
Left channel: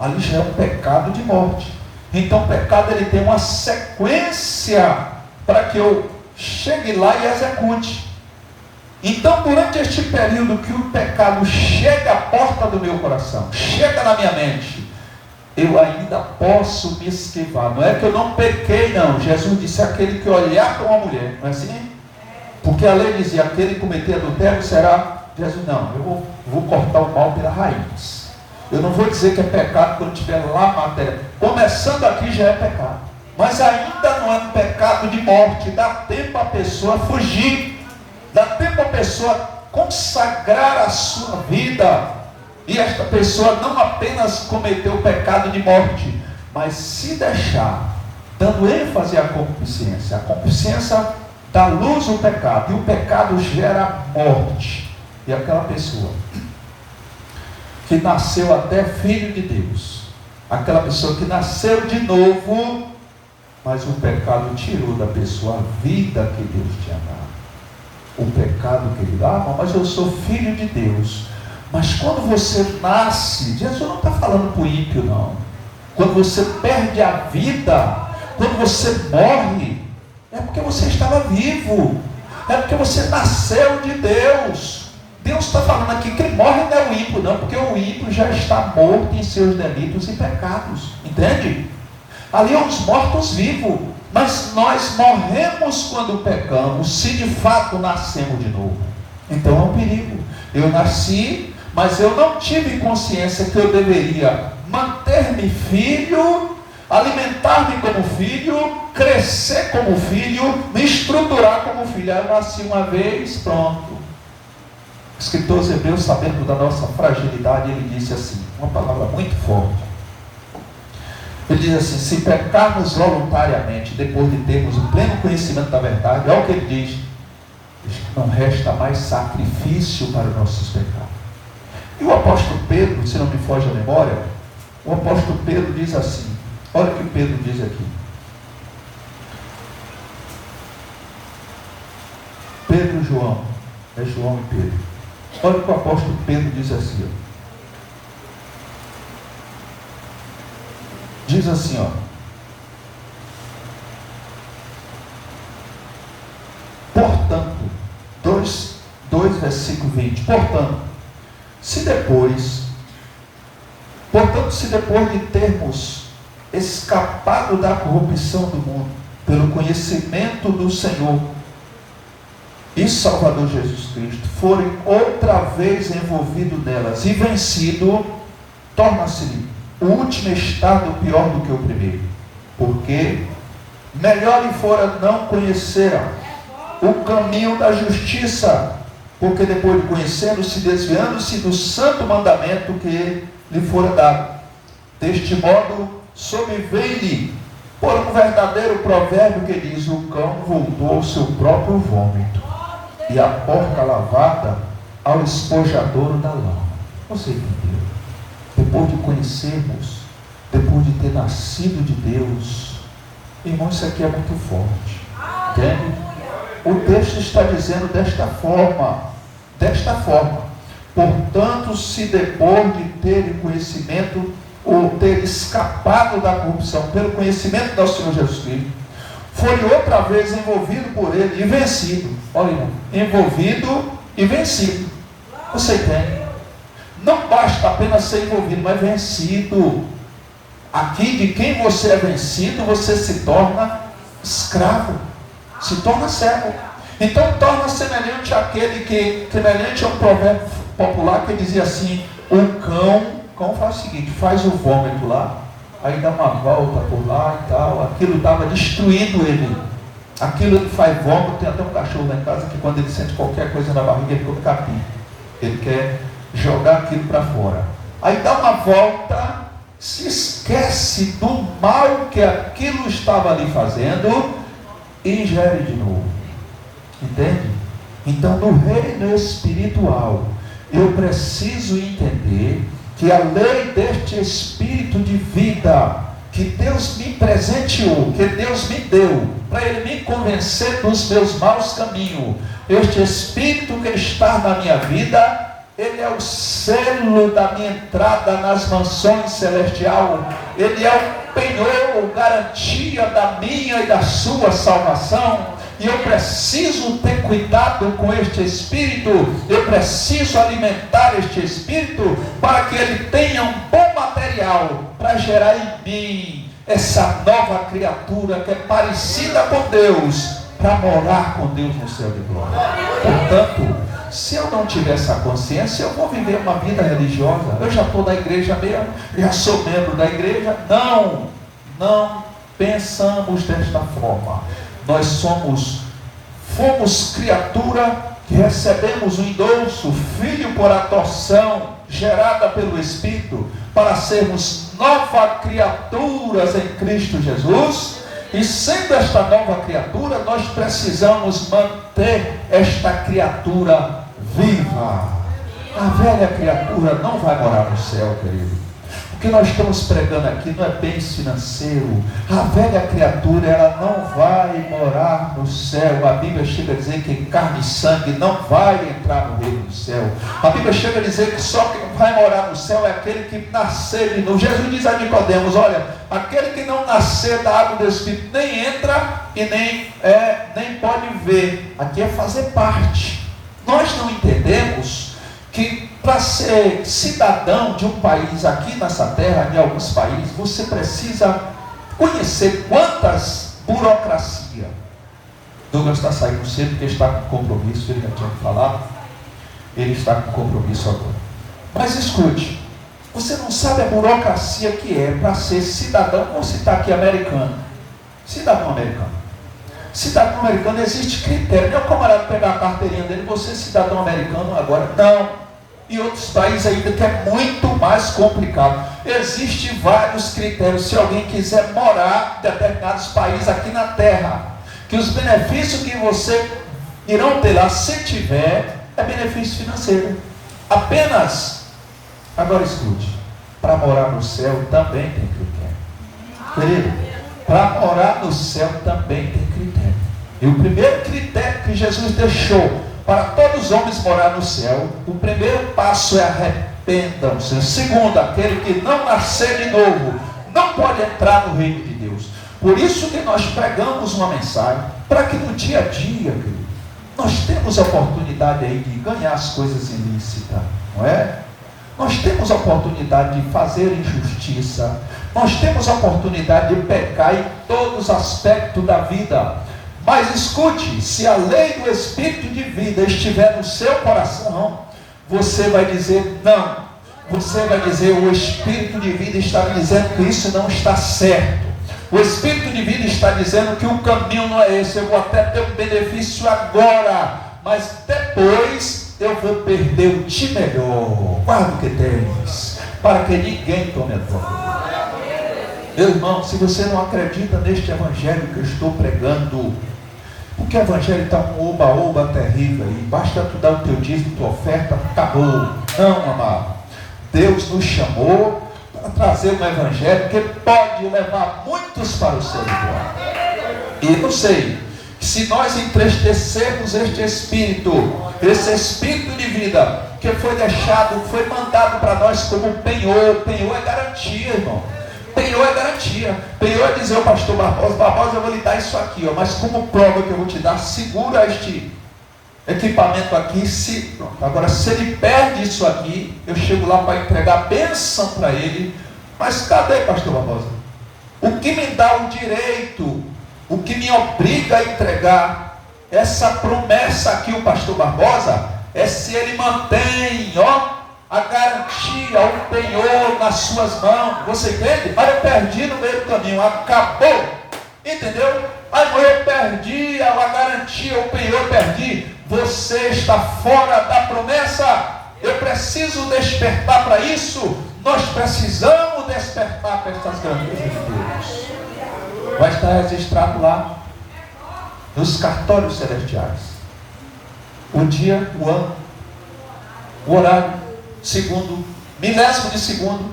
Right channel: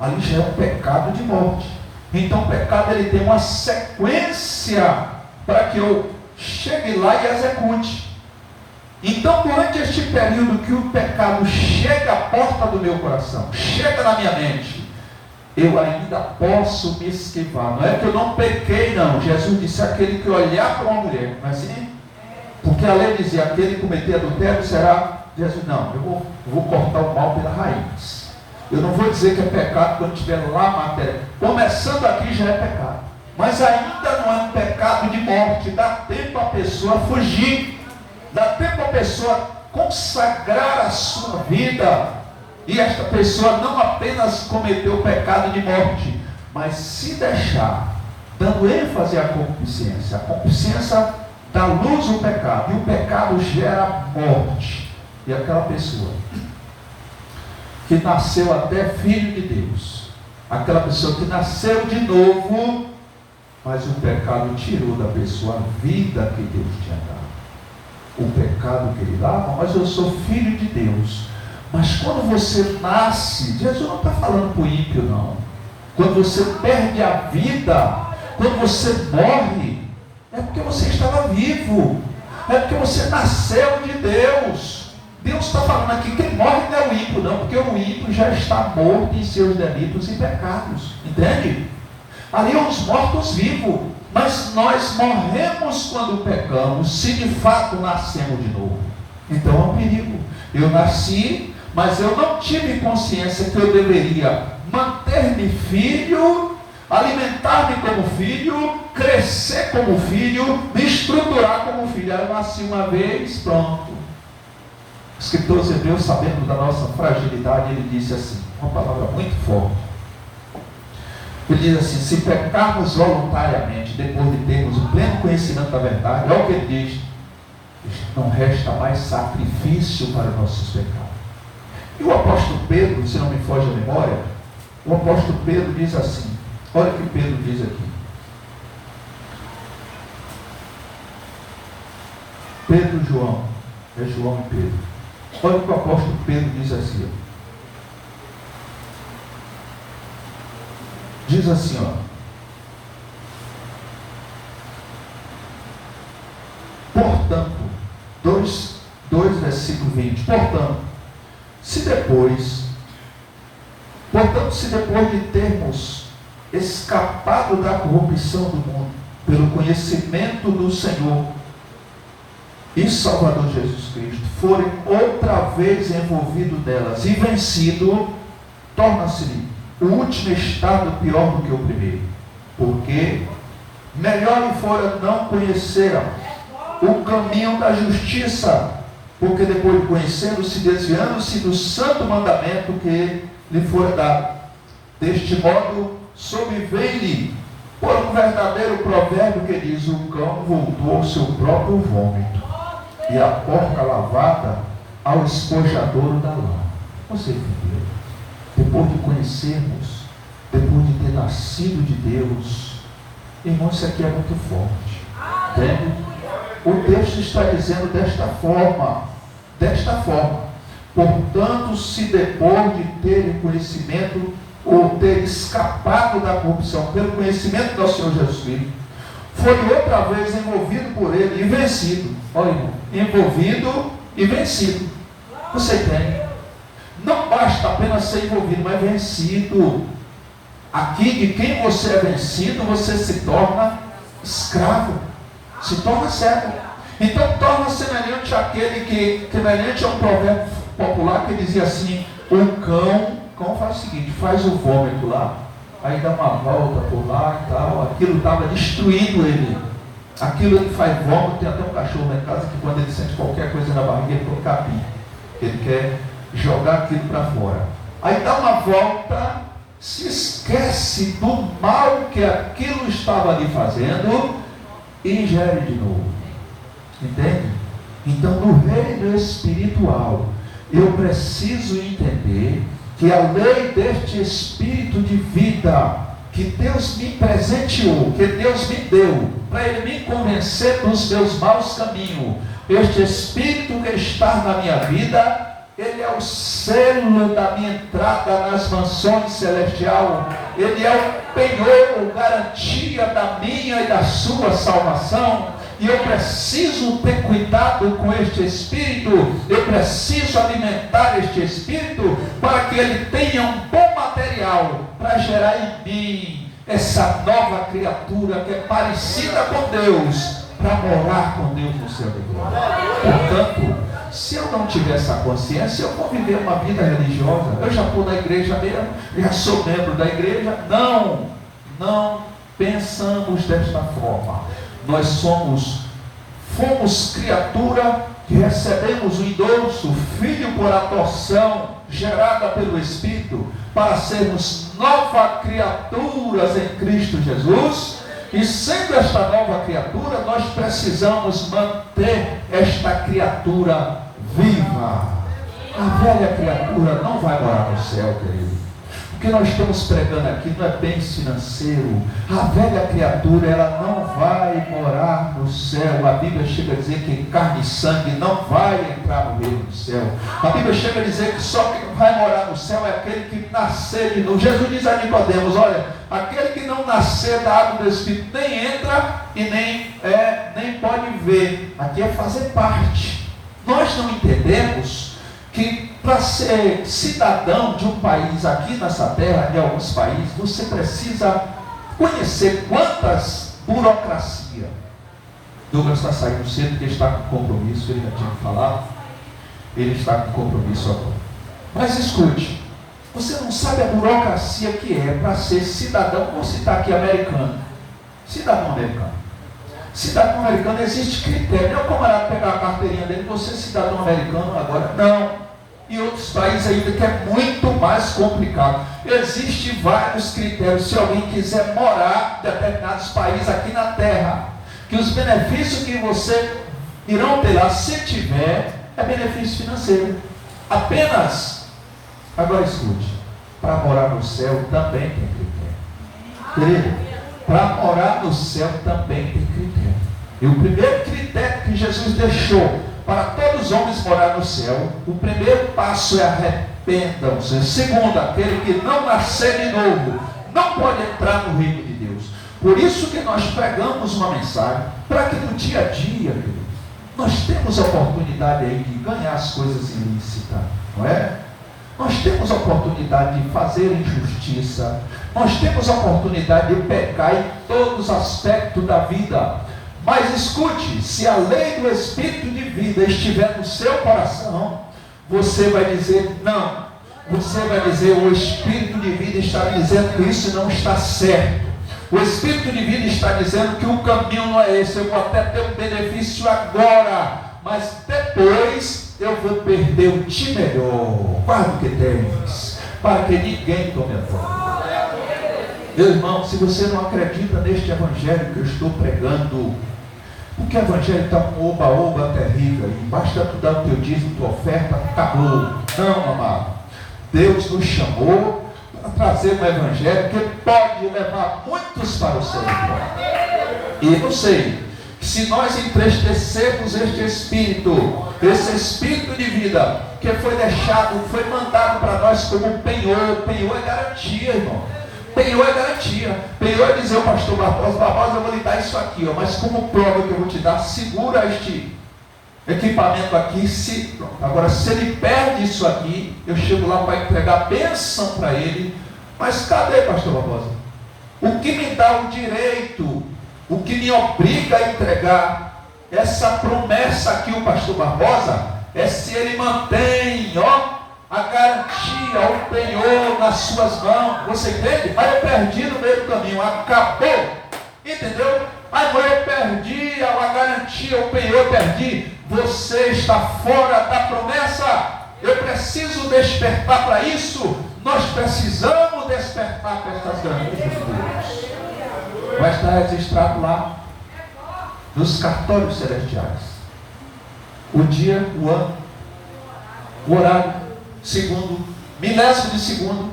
Ali já é um pecado de morte. Então o pecado ele tem uma sequência para que eu chegue lá e execute. Então durante este período que o pecado chega à porta do meu coração, chega na minha mente, eu ainda posso me esquivar. Não é que eu não pequei, não. Jesus disse, aquele que olhar para uma mulher, não é assim? Porque a lei dizia, aquele que cometer adultério será. Jesus, não, eu vou cortar o mal pela raiz. Eu não vou dizer que é pecado quando estiver lá matéria. Começando aqui já é pecado. Mas ainda não é um pecado de morte. Dá tempo a pessoa fugir. Dá tempo a pessoa consagrar a sua vida. E esta pessoa não apenas cometeu o pecado de morte, mas se deixar, dando ênfase à concupiscência. A concupiscência dá luz ao pecado. E o pecado gera morte. E aquela pessoa que nasceu até filho de Deus, aquela pessoa que nasceu de novo, mas o pecado tirou da pessoa a vida que Deus tinha dado. O pecado que ele dava, mas eu sou filho de Deus. Mas quando você nasce, Jesus não está falando para o ímpio, não. Quando você perde a vida, quando você morre, é porque você estava vivo, é porque você nasceu de Deus. Deus está falando aqui que quem morre não é o ímpio, não, porque o ímpio já está morto em seus delitos e pecados, entende? Ali é os mortos-vivos. Mas nós morremos quando pecamos, se de fato nascemos de novo. Então é um perigo. Eu nasci, mas eu não tive consciência que eu deveria manter-me filho, alimentar-me como filho, crescer como filho, me estruturar como filho. Eu nasci uma vez, pronto. O escritor Hebreus, sabendo da nossa fragilidade, ele disse assim, uma palavra muito forte. Ele diz assim: se pecarmos voluntariamente, depois de termos o pleno conhecimento da verdade, é o que ele diz, não resta mais sacrifício para nossos pecados. E o apóstolo Pedro, se não me foge a memória, o apóstolo Pedro diz assim, olha o que Pedro diz aqui. Pedro e João, é João e Pedro. Olha o que o apóstolo Pedro diz assim, ó. Diz assim, ó. Portanto, 2 versículo 20. Portanto, se depois de termos escapado da corrupção do mundo, pelo conhecimento do Senhor e Salvador Jesus Cristo, forem outra vez envolvidos nelas e vencido, torna-se o último estado pior do que o primeiro, porque melhor lhe fora não conheceram o caminho da justiça, porque depois de conhecendo, se desviando-se do santo mandamento que lhe fora dado. Deste modo, sobreveio-lhe por um verdadeiro provérbio que diz: o cão voltou ao seu próprio vômito, e a porca lavada ao esponjador da lã. Você entendeu? Depois de conhecermos, depois de ter nascido de Deus, irmão, isso aqui é muito forte, entende? O texto está dizendo desta forma, portanto, se depois de terem conhecimento, ou ter escapado da corrupção pelo conhecimento do Senhor Jesus Cristo, foi outra vez envolvido por ele e vencido. Olha, irmão, envolvido e vencido. Você entende? Não basta apenas ser envolvido, mas vencido. Aqui, de quem você é vencido, você se torna escravo, se torna servo. Então torna semelhante àquele que, semelhante a um provérbio popular que dizia assim: o cão faz o seguinte, faz o vômito lá, aí dá uma volta por lá e tal, aquilo estava destruindo ele. Aquilo ele faz vômito. Tem até um cachorro lá em casa que quando ele sente qualquer coisa na barriga, ele põe capim. Ele quer jogar aquilo para fora. Aí dá uma volta, se esquece do mal que aquilo estava ali fazendo e ingere de novo. Entende? Então, no reino espiritual, eu preciso entender que a lei deste espírito de vida que Deus me presenteou, que Deus me deu, para Ele me convencer dos meus maus caminhos, este espírito que está na minha vida, ele é o selo da minha entrada nas mansões celestiais. Ele é o penhor, garantia da minha e da sua salvação. E eu preciso ter cuidado com este espírito. Eu preciso alimentar este espírito para que ele tenha um bom material para gerar em mim essa nova criatura que é parecida com Deus, para morar com Deus no céu de glória. Portanto, se eu não tiver essa consciência, eu vou viver uma vida religiosa. Eu já estou na igreja mesmo, já sou membro da igreja. Não pensamos desta forma. Nós fomos criatura que recebemos o endosso, filho por adoção, gerada pelo Espírito, para sermos novas criaturas em Cristo Jesus. E sendo esta nova criatura, nós precisamos manter esta criatura viva. A velha criatura não vai morar no céu, querido. O que nós estamos pregando aqui não é bens financeiros. A velha criatura, ela não vai morar no céu. A Bíblia chega a dizer que carne e sangue não vai entrar no reino do céu. A Bíblia chega a dizer que só quem vai morar no céu é aquele que nascer de novo. Jesus diz a Nicodemos: olha, aquele que não nascer da água do Espírito nem entra e nem pode ver. Aqui é fazer parte. Nós não entendemos que para ser cidadão de um país aqui nessa terra, de alguns países, você precisa conhecer quantas burocracia. Douglas está saindo cedo porque está com compromisso, ele já tinha que falar. Ele está com compromisso agora. Mas escute, você não sabe a burocracia que é para ser cidadão, vou citar aqui americano. Cidadão americano. Cidadão americano existe critério. Não é o camarada pegar a carteirinha dele, você é cidadão americano agora. Não. E outros países ainda que é muito mais complicado. Existem vários critérios. Se alguém quiser morar em determinados países aqui na Terra, que os benefícios que você irão ter lá, se tiver, é benefício financeiro. Apenas. Agora escute, para morar no céu também tem critério. Querido, para morar no céu também tem critério. E o primeiro critério que Jesus deixou para todos os homens morar no céu, o primeiro passo é arrependam-se. O segundo, aquele que não nascer de novo, não pode entrar no reino de Deus. Por isso que nós pregamos uma mensagem, para que no dia a dia, querido, nós temos a oportunidade aí de ganhar as coisas ilícitas, não é? Nós temos a oportunidade de fazer injustiça, nós temos a oportunidade de pecar em todos os aspectos da vida. Mas escute, se a lei do Espírito de vida estiver no seu coração, você vai dizer não. Você vai dizer, o Espírito de vida está dizendo que isso não está certo. O Espírito de vida está dizendo que o caminho não é esse. Eu vou até ter um benefício agora, mas depois eu vou perder o de melhor. Guarda o que tens, para que ninguém tome a tua. Meu irmão, se você não acredita neste evangelho que eu estou pregando, porque o evangelho está um oba-oba terrível aí, basta tu dar o teu dízimo, tua oferta, acabou. Não, amado. Deus nos chamou para trazer um evangelho que pode levar muitos para o céu. E eu sei que se nós entristecermos este Espírito, esse Espírito de vida, que foi deixado, foi mandado para nós como penhor. Penhor é garantia, irmão. Penhor é garantia. Penhor é dizer ao pastor Barbosa, eu vou lhe dar isso aqui, ó, mas como prova que eu vou te dar, segura este equipamento aqui. Pronto. Agora, se ele perde isso aqui, eu chego lá para entregar a bênção para ele. Mas cadê, pastor Barbosa? O que me dá o direito, o que me obriga a entregar essa promessa aqui, o pastor Barbosa, é se ele mantém, ó, a garantia, o penhor nas suas mãos. Você entende? Aí eu perdi no meio do caminho, acabou. Entendeu? Aí eu perdi a garantia, o penhor eu perdi. Você está fora da promessa. Eu preciso despertar para isso. Nós precisamos despertar para estas grandezas de Deus. Vai estar registrado lá nos cartórios celestiais o dia, o ano, o horário, segundo, milésimo de segundo,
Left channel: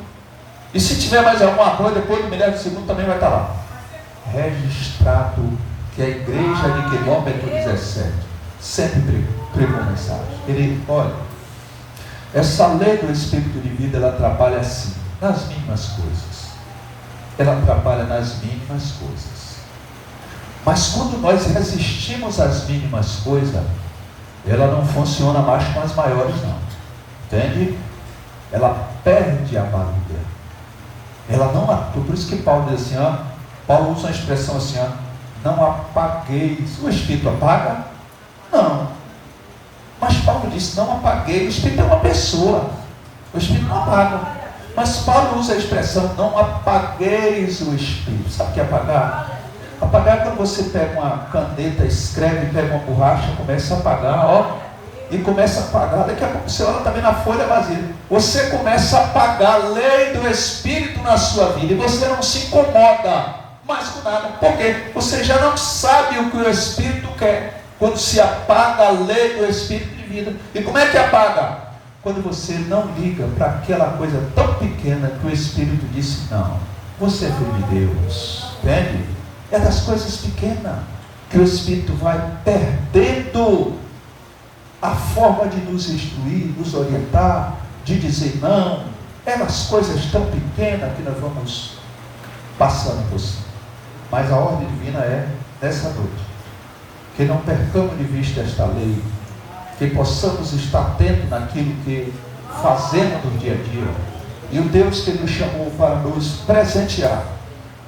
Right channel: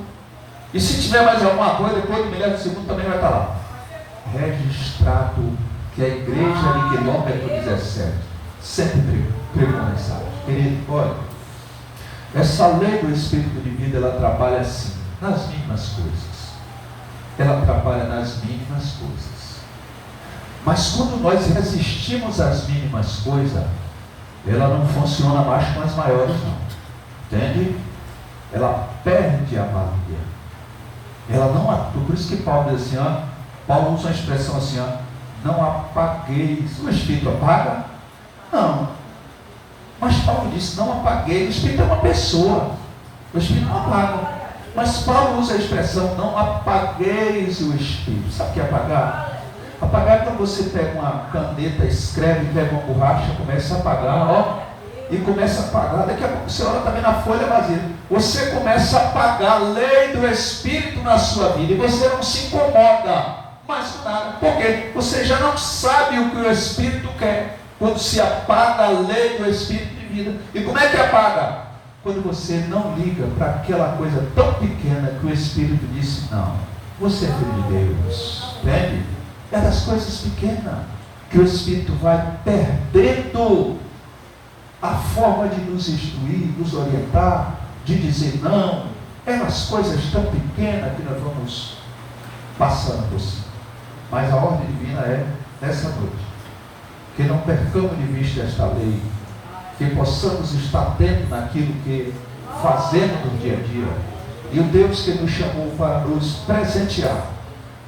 e se tiver mais alguma coisa depois do milésimo de segundo também vai estar lá registrado que a igreja de quilômetro 17 sempre pregou mensagem. Querido, olha, essa lei do Espírito de vida, ela trabalha assim, nas mínimas coisas. Ela trabalha nas mínimas coisas. Mas quando nós resistimos às mínimas coisas, ela não funciona mais com as maiores, não. Entende? Ela perde a valia. Ela não. Por isso que Paulo diz assim, ó, Paulo usa uma expressão assim, ó, não apagueis. O Espírito apaga? Não. Mas Paulo disse, não apagueis. O Espírito é uma pessoa. O Espírito não apaga. Mas Paulo usa a expressão, não apagueis o Espírito. Sabe o que é apagar? Apagar é quando você pega uma caneta, escreve, pega uma borracha, começa a apagar, ó, e começa a apagar. Daqui a pouco você olha também na folha vazia. Você começa a apagar a lei do Espírito na sua vida e você não se incomoda mais com nada. Por quê? Você já não sabe o que o Espírito quer quando se apaga a lei do Espírito de vida. E como é que apaga? Quando você não liga para aquela coisa tão pequena que o Espírito disse, não, você é filho de Deus. Entende? É das coisas pequenas que o Espírito vai perdendo a forma de nos instruir, nos orientar, de dizer não. É nas coisas tão pequenas que nós vamos passando por cima. Mas a ordem divina é nessa noite, que não percamos de vista esta lei, que possamos estar atentos naquilo que fazemos no dia a dia. E o Deus que nos chamou para nos presentear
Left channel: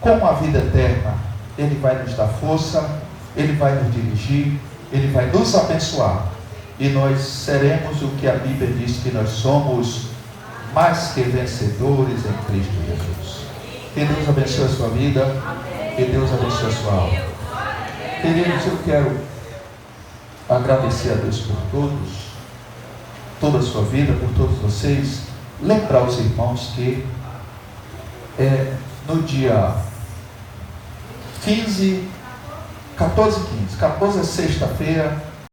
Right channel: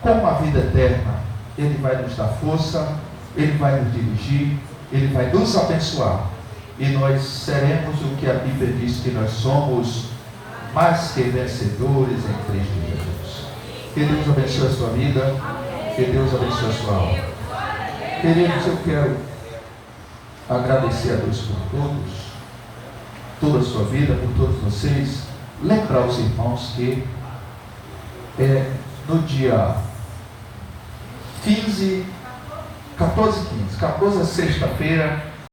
com a vida eterna. Ele vai nos dar força, Ele vai nos dirigir, Ele vai nos abençoar. E nós seremos o que a Bíblia diz que nós somos, mais que vencedores em Cristo Jesus. Que Deus abençoe a sua vida, que Deus abençoe a sua alma. Queridos, eu quero agradecer a Deus por todos, toda a sua vida, por todos vocês. Lembrar os irmãos que no dia 14 é sexta-feira,